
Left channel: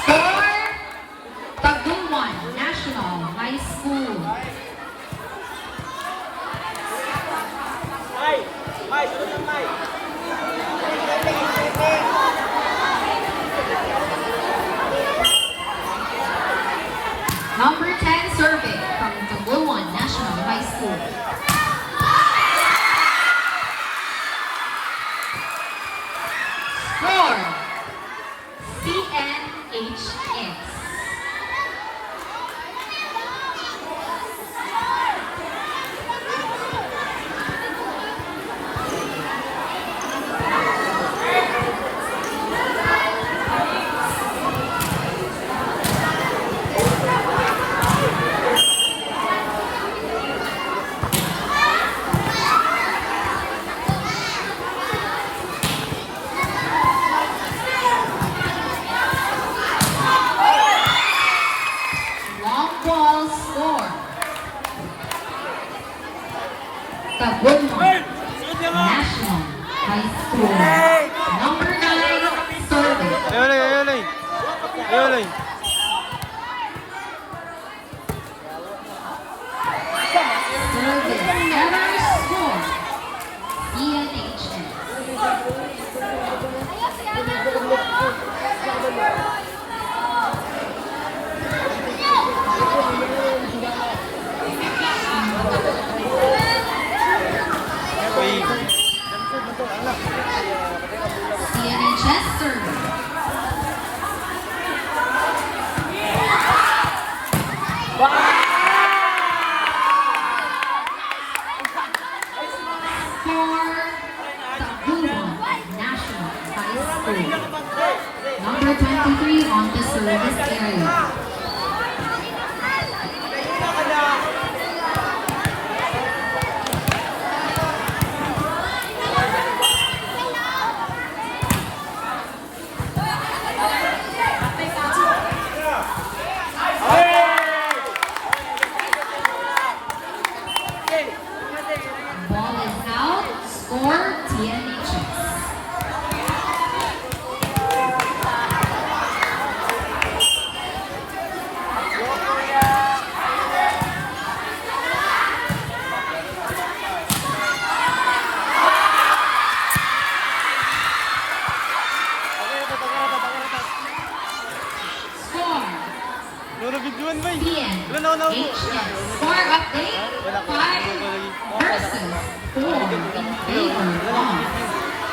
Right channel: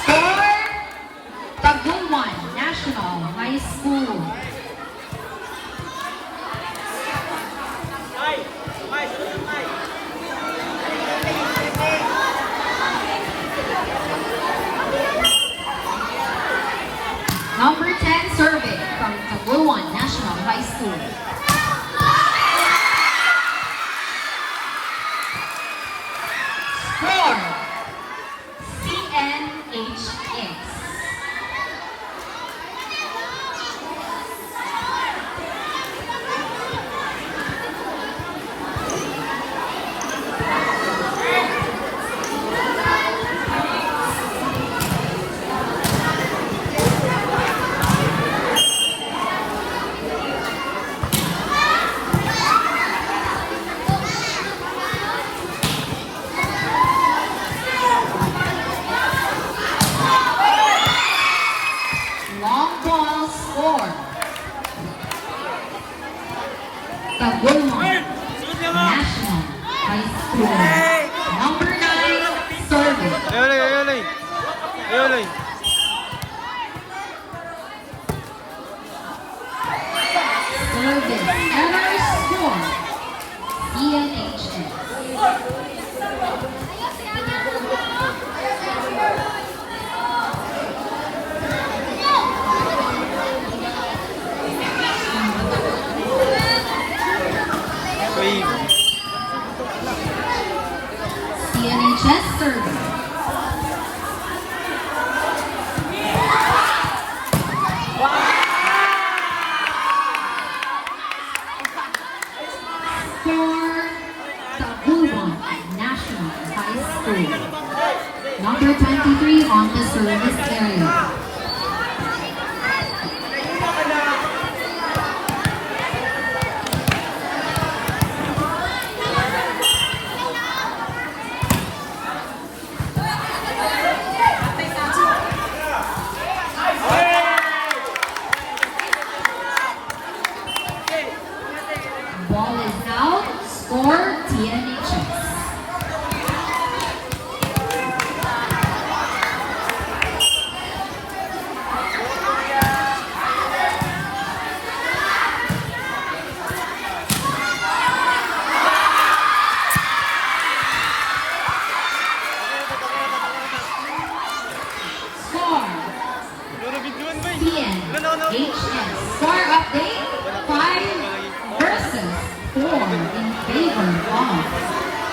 Score, Tagulman National High School. Number 10 survey from Tagulman National High School. Score, CNHS. Long ball score. Tagulman National High School. Number 9 survey. Ayolay, ayolay. Ayolay. Survey. Error score. CNHS. Uy. CNHS survey. Score, Tagulman National High School. Number 23 on the service area. Ball is out. Score, TNHS. Score, Ano bigyan ba? TNHS. Score update, 5 versus 4 in favor of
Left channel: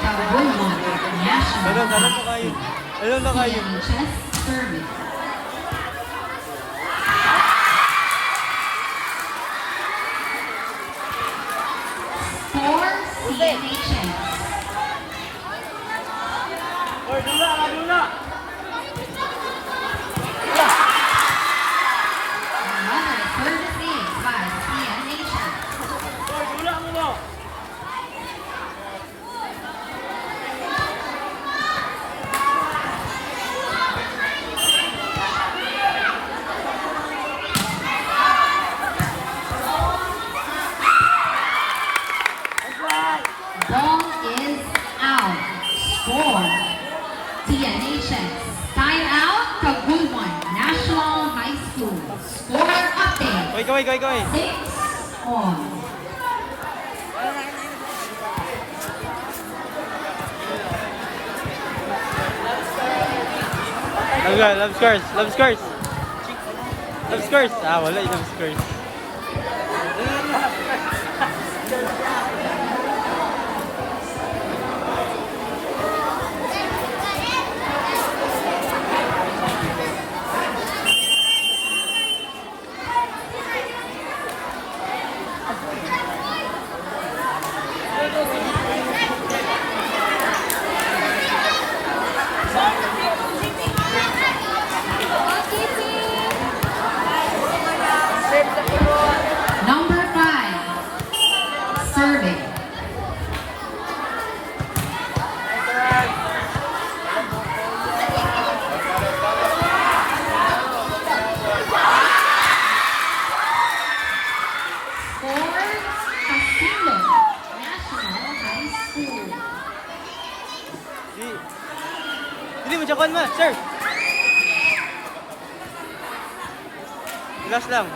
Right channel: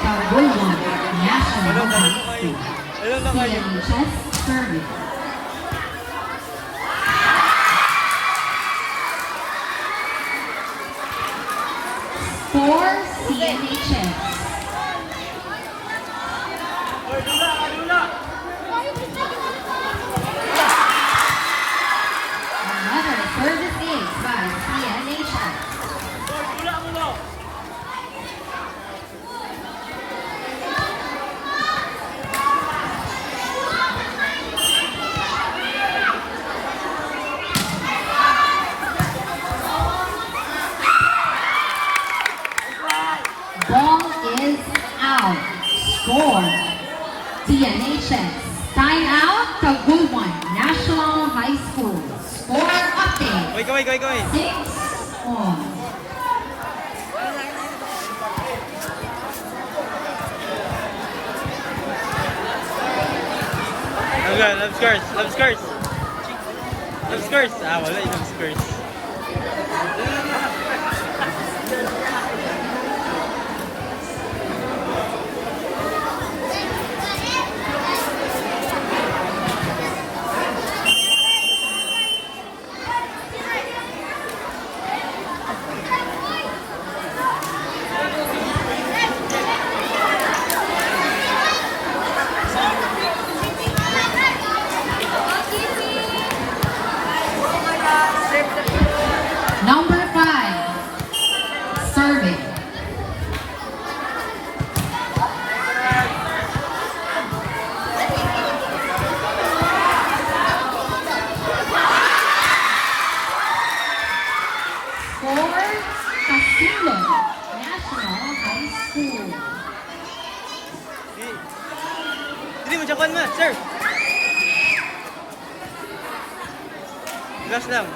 Tagulman National High School. Ayun na kayo. CNHS survey. Score, CNHS. Another service is by CNHS. Liga, love scores, love scores. Love scores. Ah, wala yung scores. Number 5, serving. Score, Casino, National High School. Hindi mo, Japan man, sir. Last lang.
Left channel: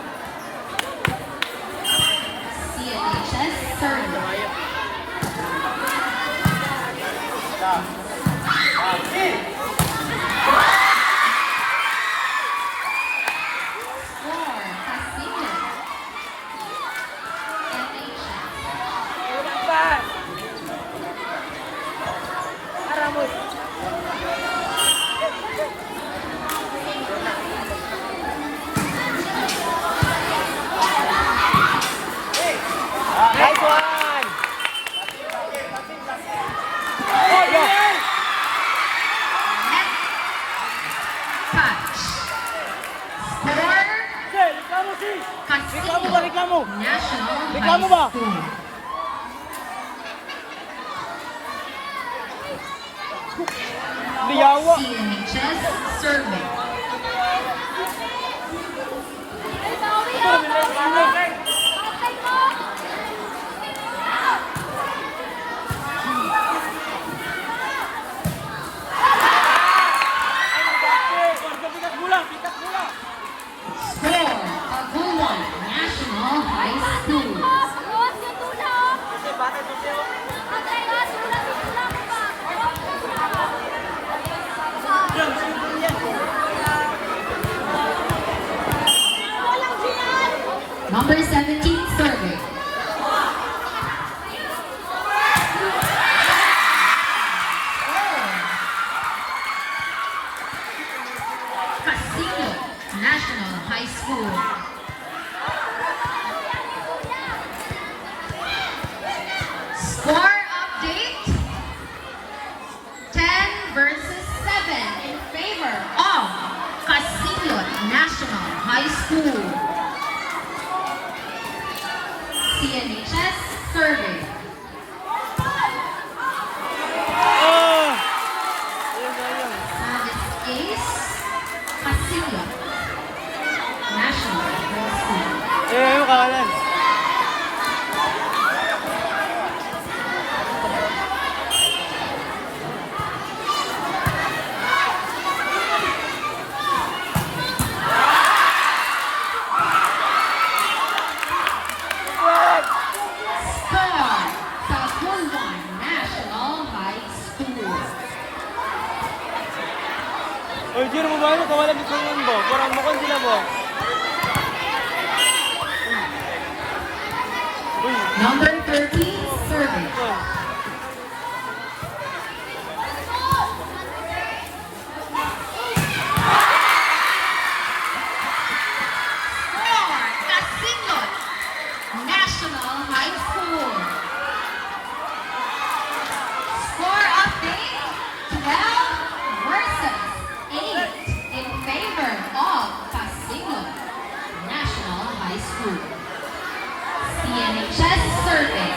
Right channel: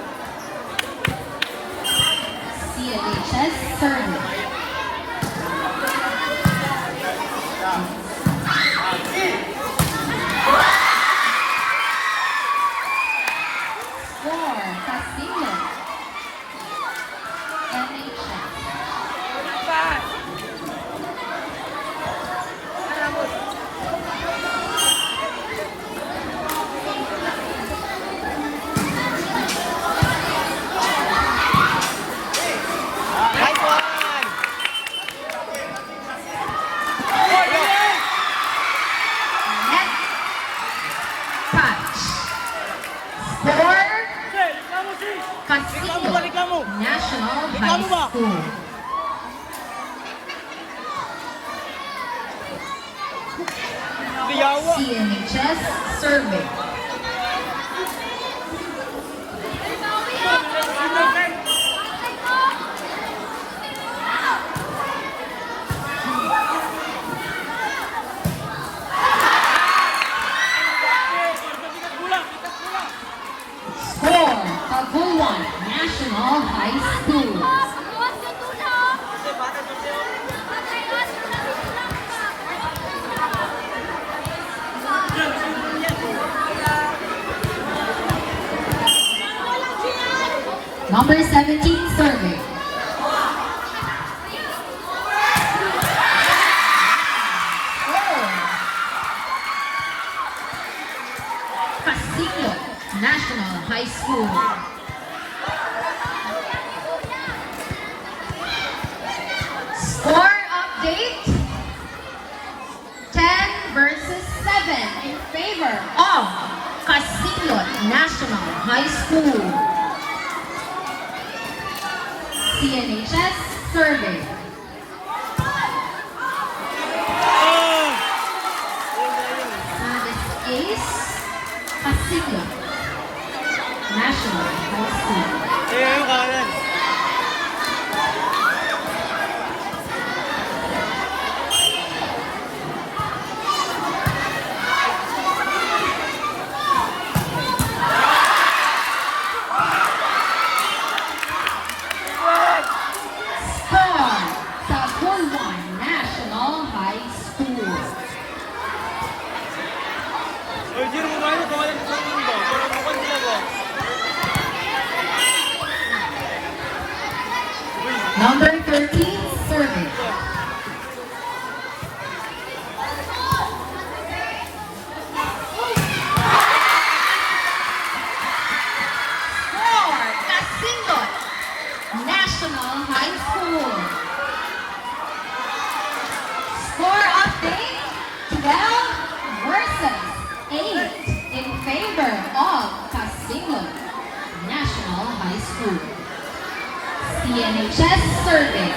CNHS serving. Score, Casino, NHS. Net touch. Score, Casino, National High School. CNHS serving. Score, Pagulan, National High School. Number 17, serving. Casino, National High School. Score update. 10 versus 7 in favor of Casino National High School. CNHS survey. Oh! Service case, Casino National High School. Ayun yung kanan. Score, Tagulan National High School. Oy, Jiro mo ba yun? Kawalan sa mga ba? Parang mo kung sila ba? Uy, Number 13, survey. Score, Casino National High School. Score update, 12 versus 8 in favor of Casino National High School. CNHS survey.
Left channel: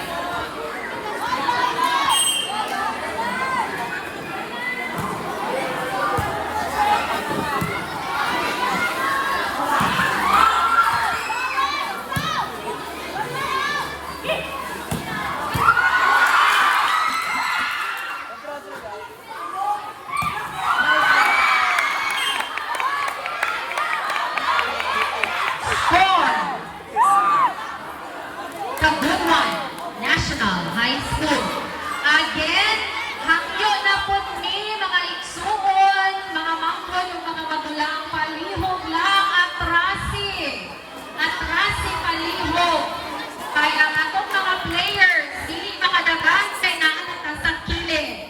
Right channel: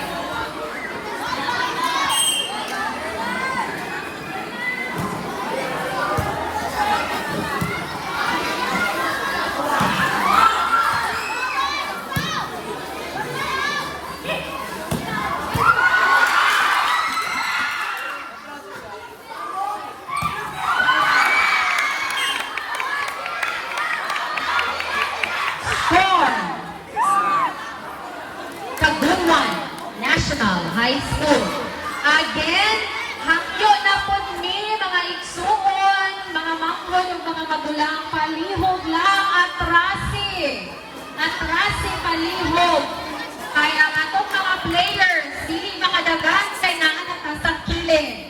Score, Tagulan National High School. Again, hangyo na po ni mga igsuon, mga mangkon, yung mga kadulang palihog lang atrasi. Atrasi palihog. Kaya ang atong mga players, hindi makadagan sa inaan at sa kilid.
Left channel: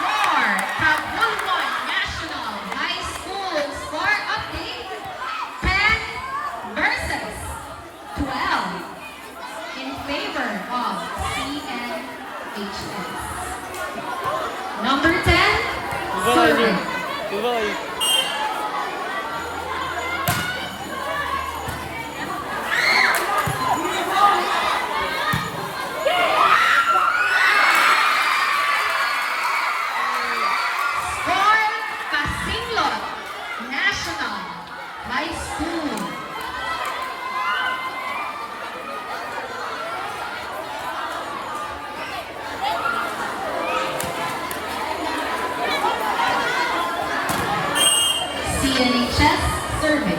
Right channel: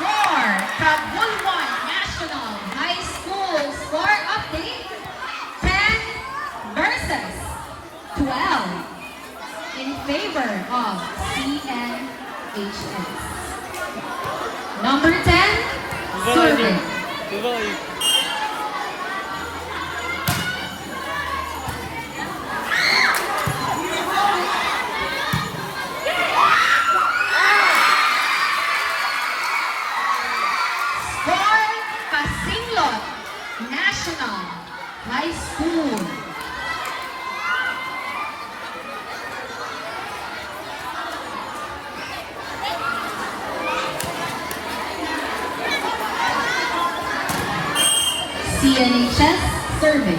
Score, Tabulban National High School score update, 10 versus 12 in favor of CNHS. Number 10, Susan. Goodbye. Score, Casinglot National High School. CNHS survey.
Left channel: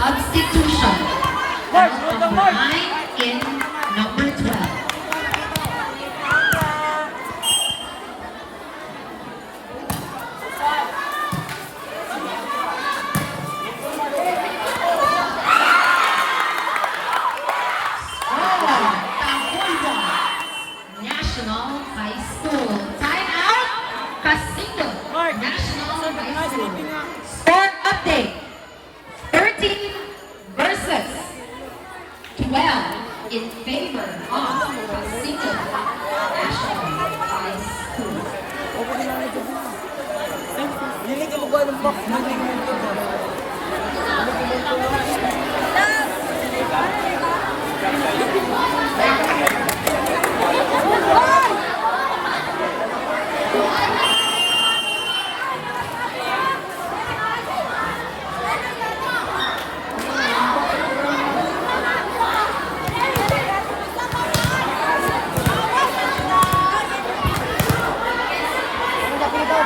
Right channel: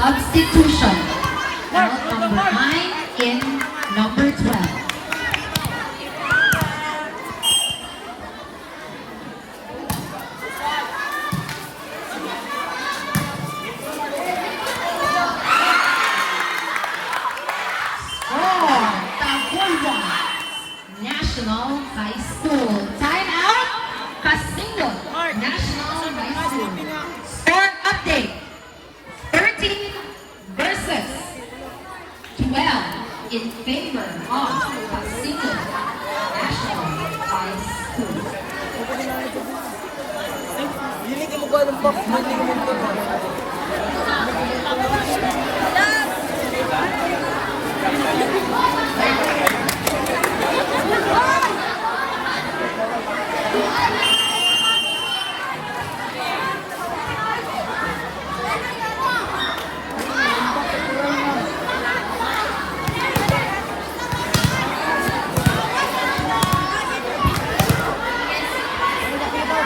Substitution. Out number 9 in number 12. Score, Tabulban National High School. Time out, Casinglot National High School. Score update. 13 versus 12 in favor of Casinglot National High School. Hindi ka magkuha ng box. Hindi ka magkuha.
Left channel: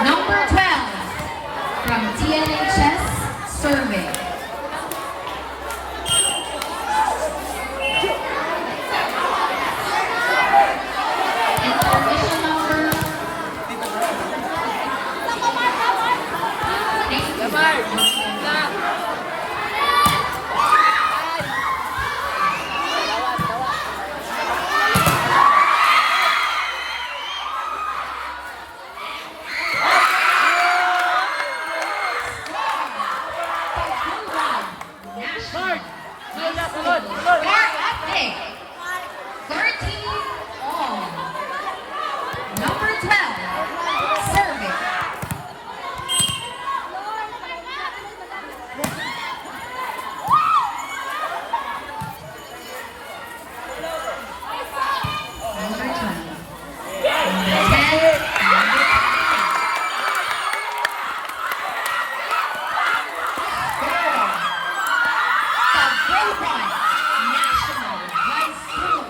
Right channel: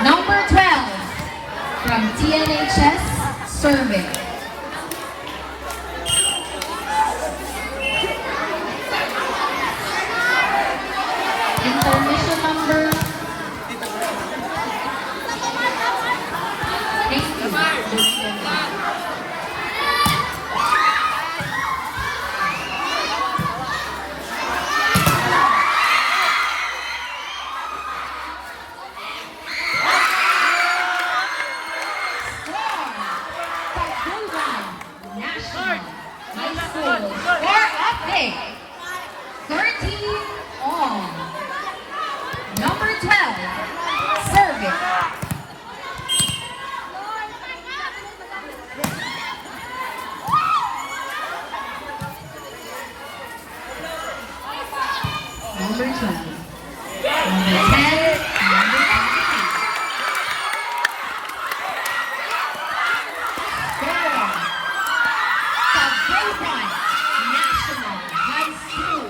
Number 12 from TNHS survey. Information number. Thank you. National High School score update. 13 on. Number 12, survey. Number 12. Number 10, number 9. Score. Tabulban National High School.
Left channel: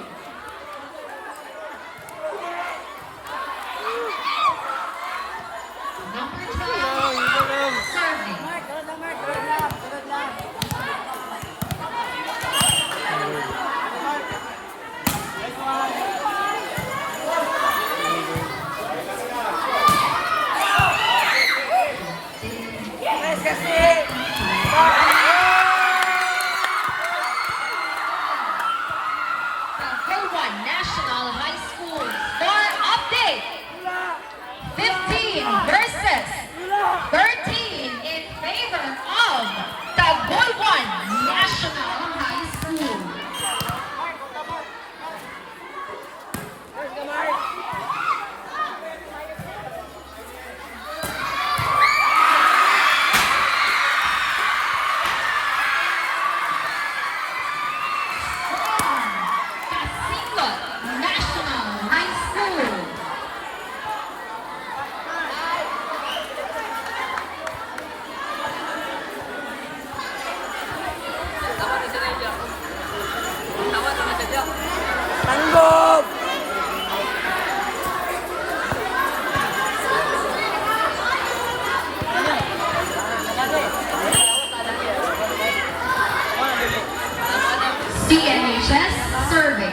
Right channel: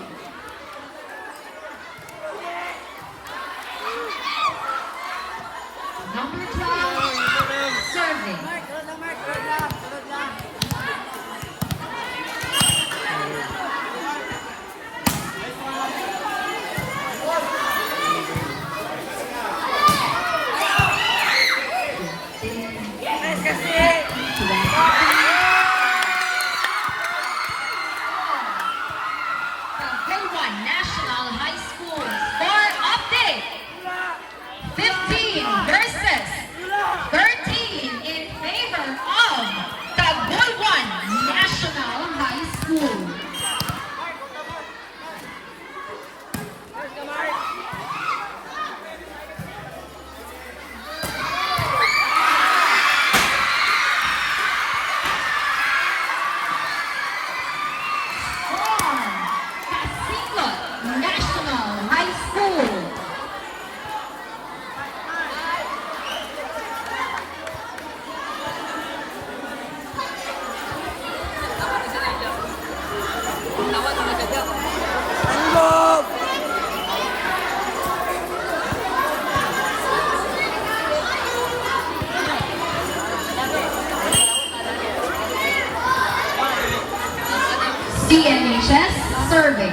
CNHS survey.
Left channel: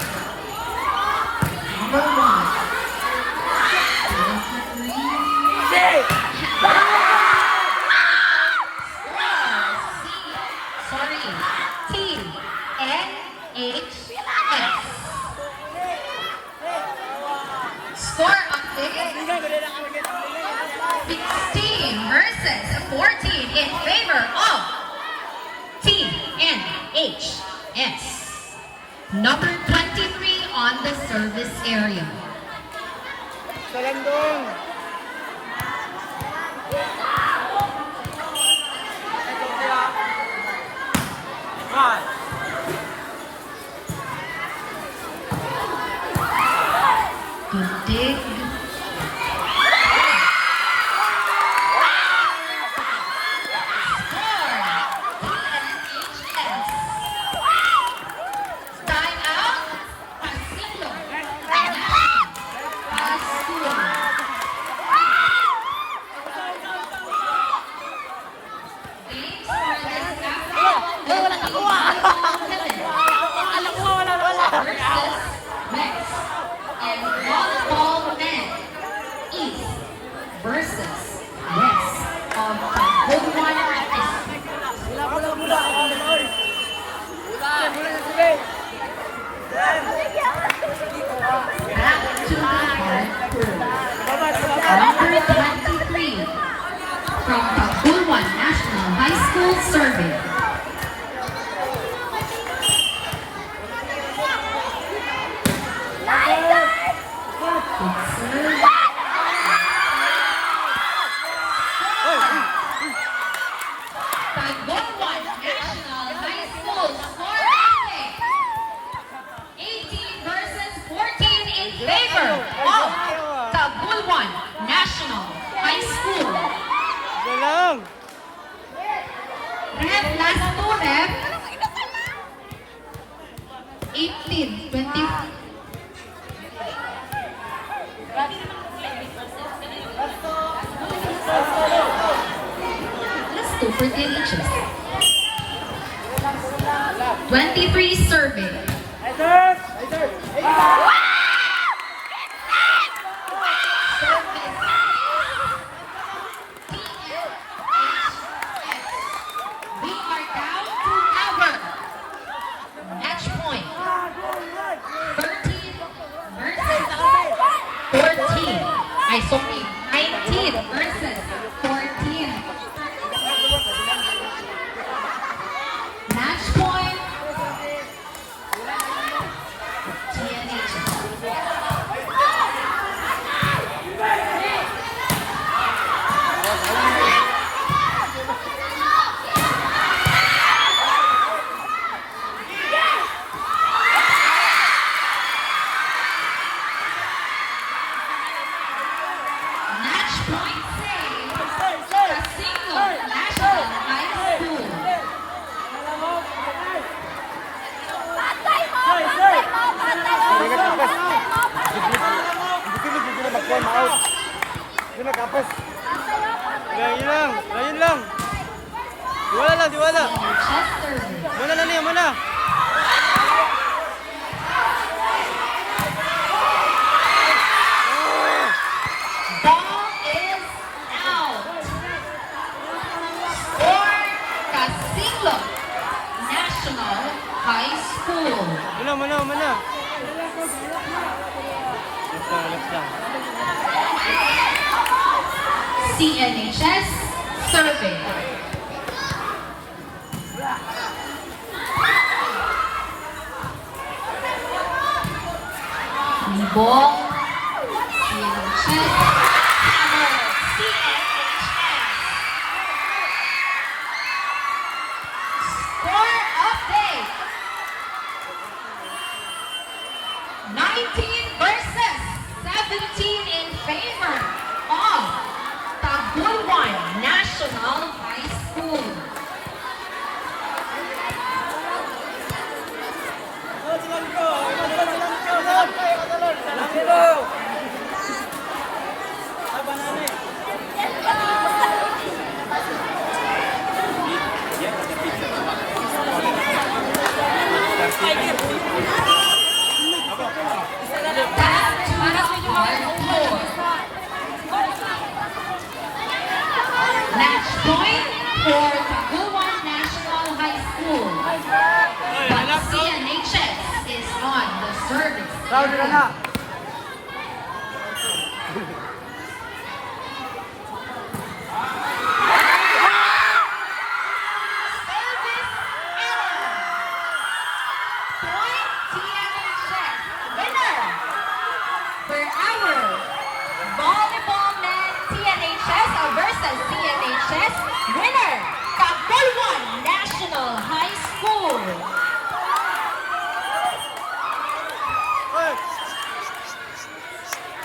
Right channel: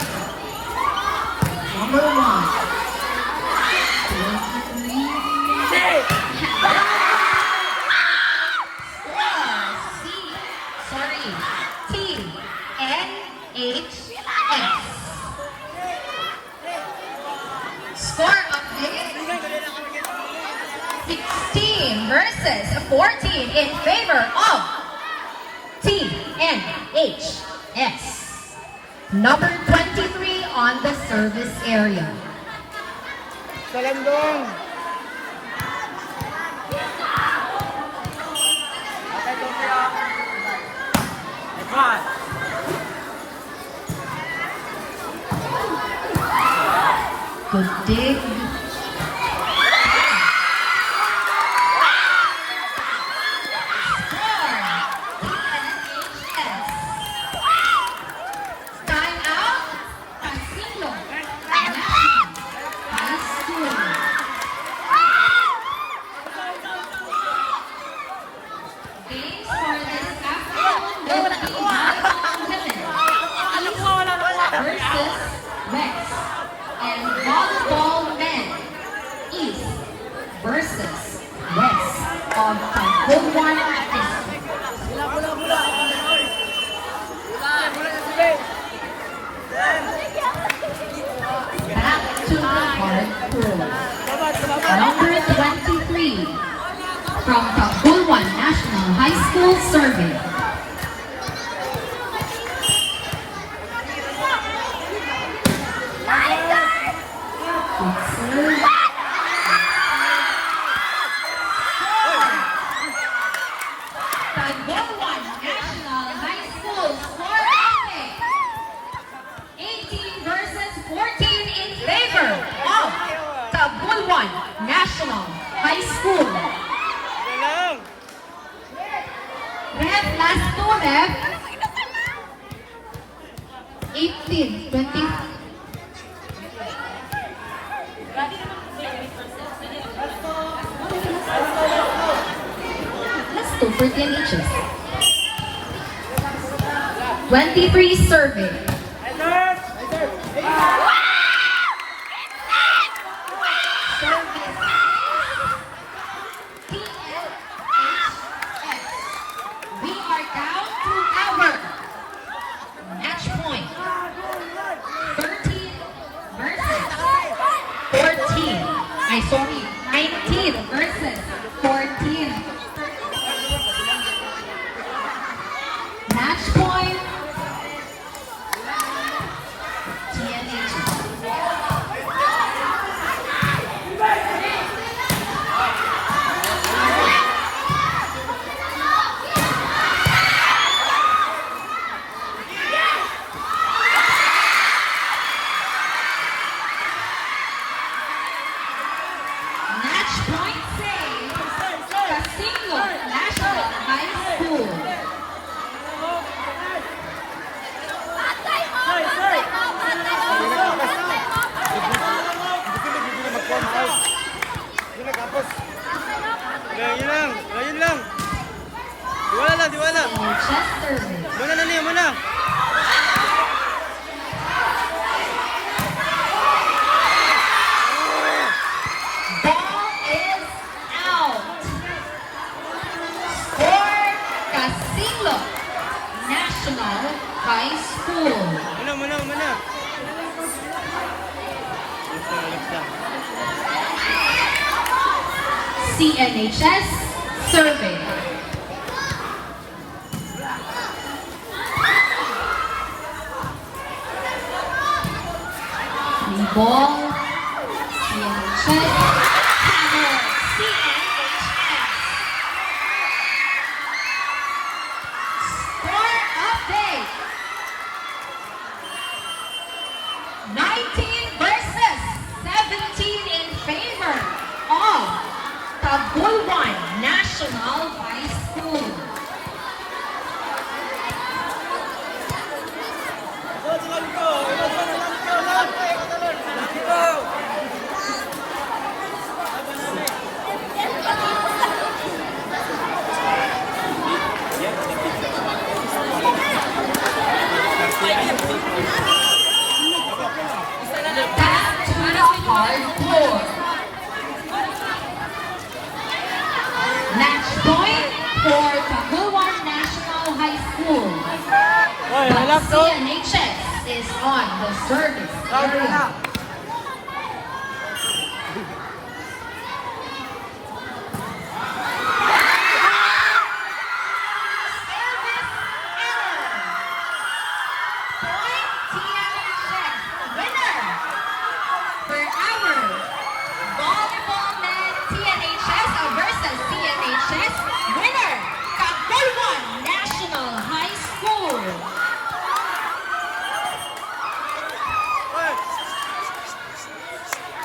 Number 1. Score update. 16 versus 14 in favor of TNHS. Number 23 on the service area. Talendong. Good dig. Stand out. Castillo. High school. Games for this afternoon will be volleyball women versus Rex, and volleyball men East versus West on Tagbuan District. Back to the hardcore. Number 23 from Tagbuan National High School survey. Tagbuan National High School score update. 18 versus 14 in favor of Tagbuan National High School. Galang. Ref, last two, ref. 18, 20. Let's go for delicious. 23 survey. We are down to our match point. 13 versus 14. Sorry, 19 versus 14. Match point. TNH. Match point saved. Castillo National High School. Ayun lang. Diwala lang, diwala. Chester. Mana na niya, mana. Ball is out. Score Castillo National High School. Mana. Let's go. CNHS survey. Ball. CNHS. Score update. 19 versus 17 in favor of Tagbuan National High School. Yeah. service area.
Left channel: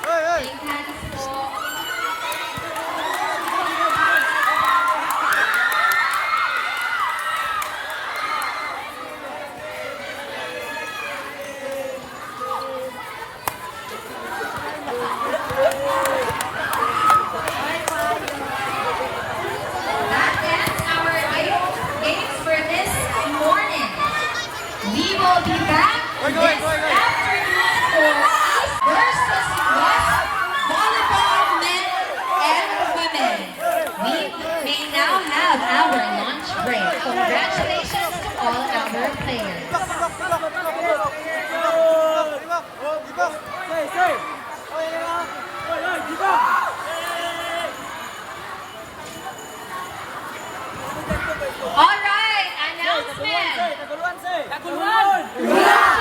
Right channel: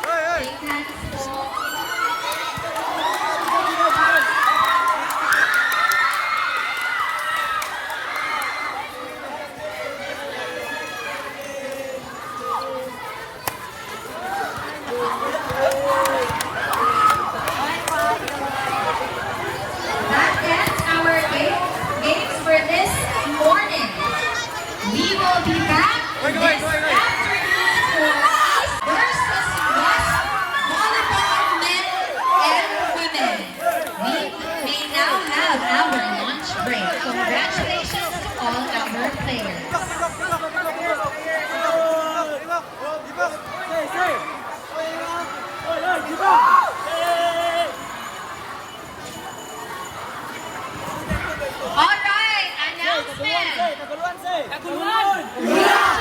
Hey, hey. That ends our games for this morning. We will be back Wait, this wait, wait, wait. afternoon for East versus West volleyball men and women. We may now have our lunch break. Congratulations to all our players. All right, announcement. Kaguluhan!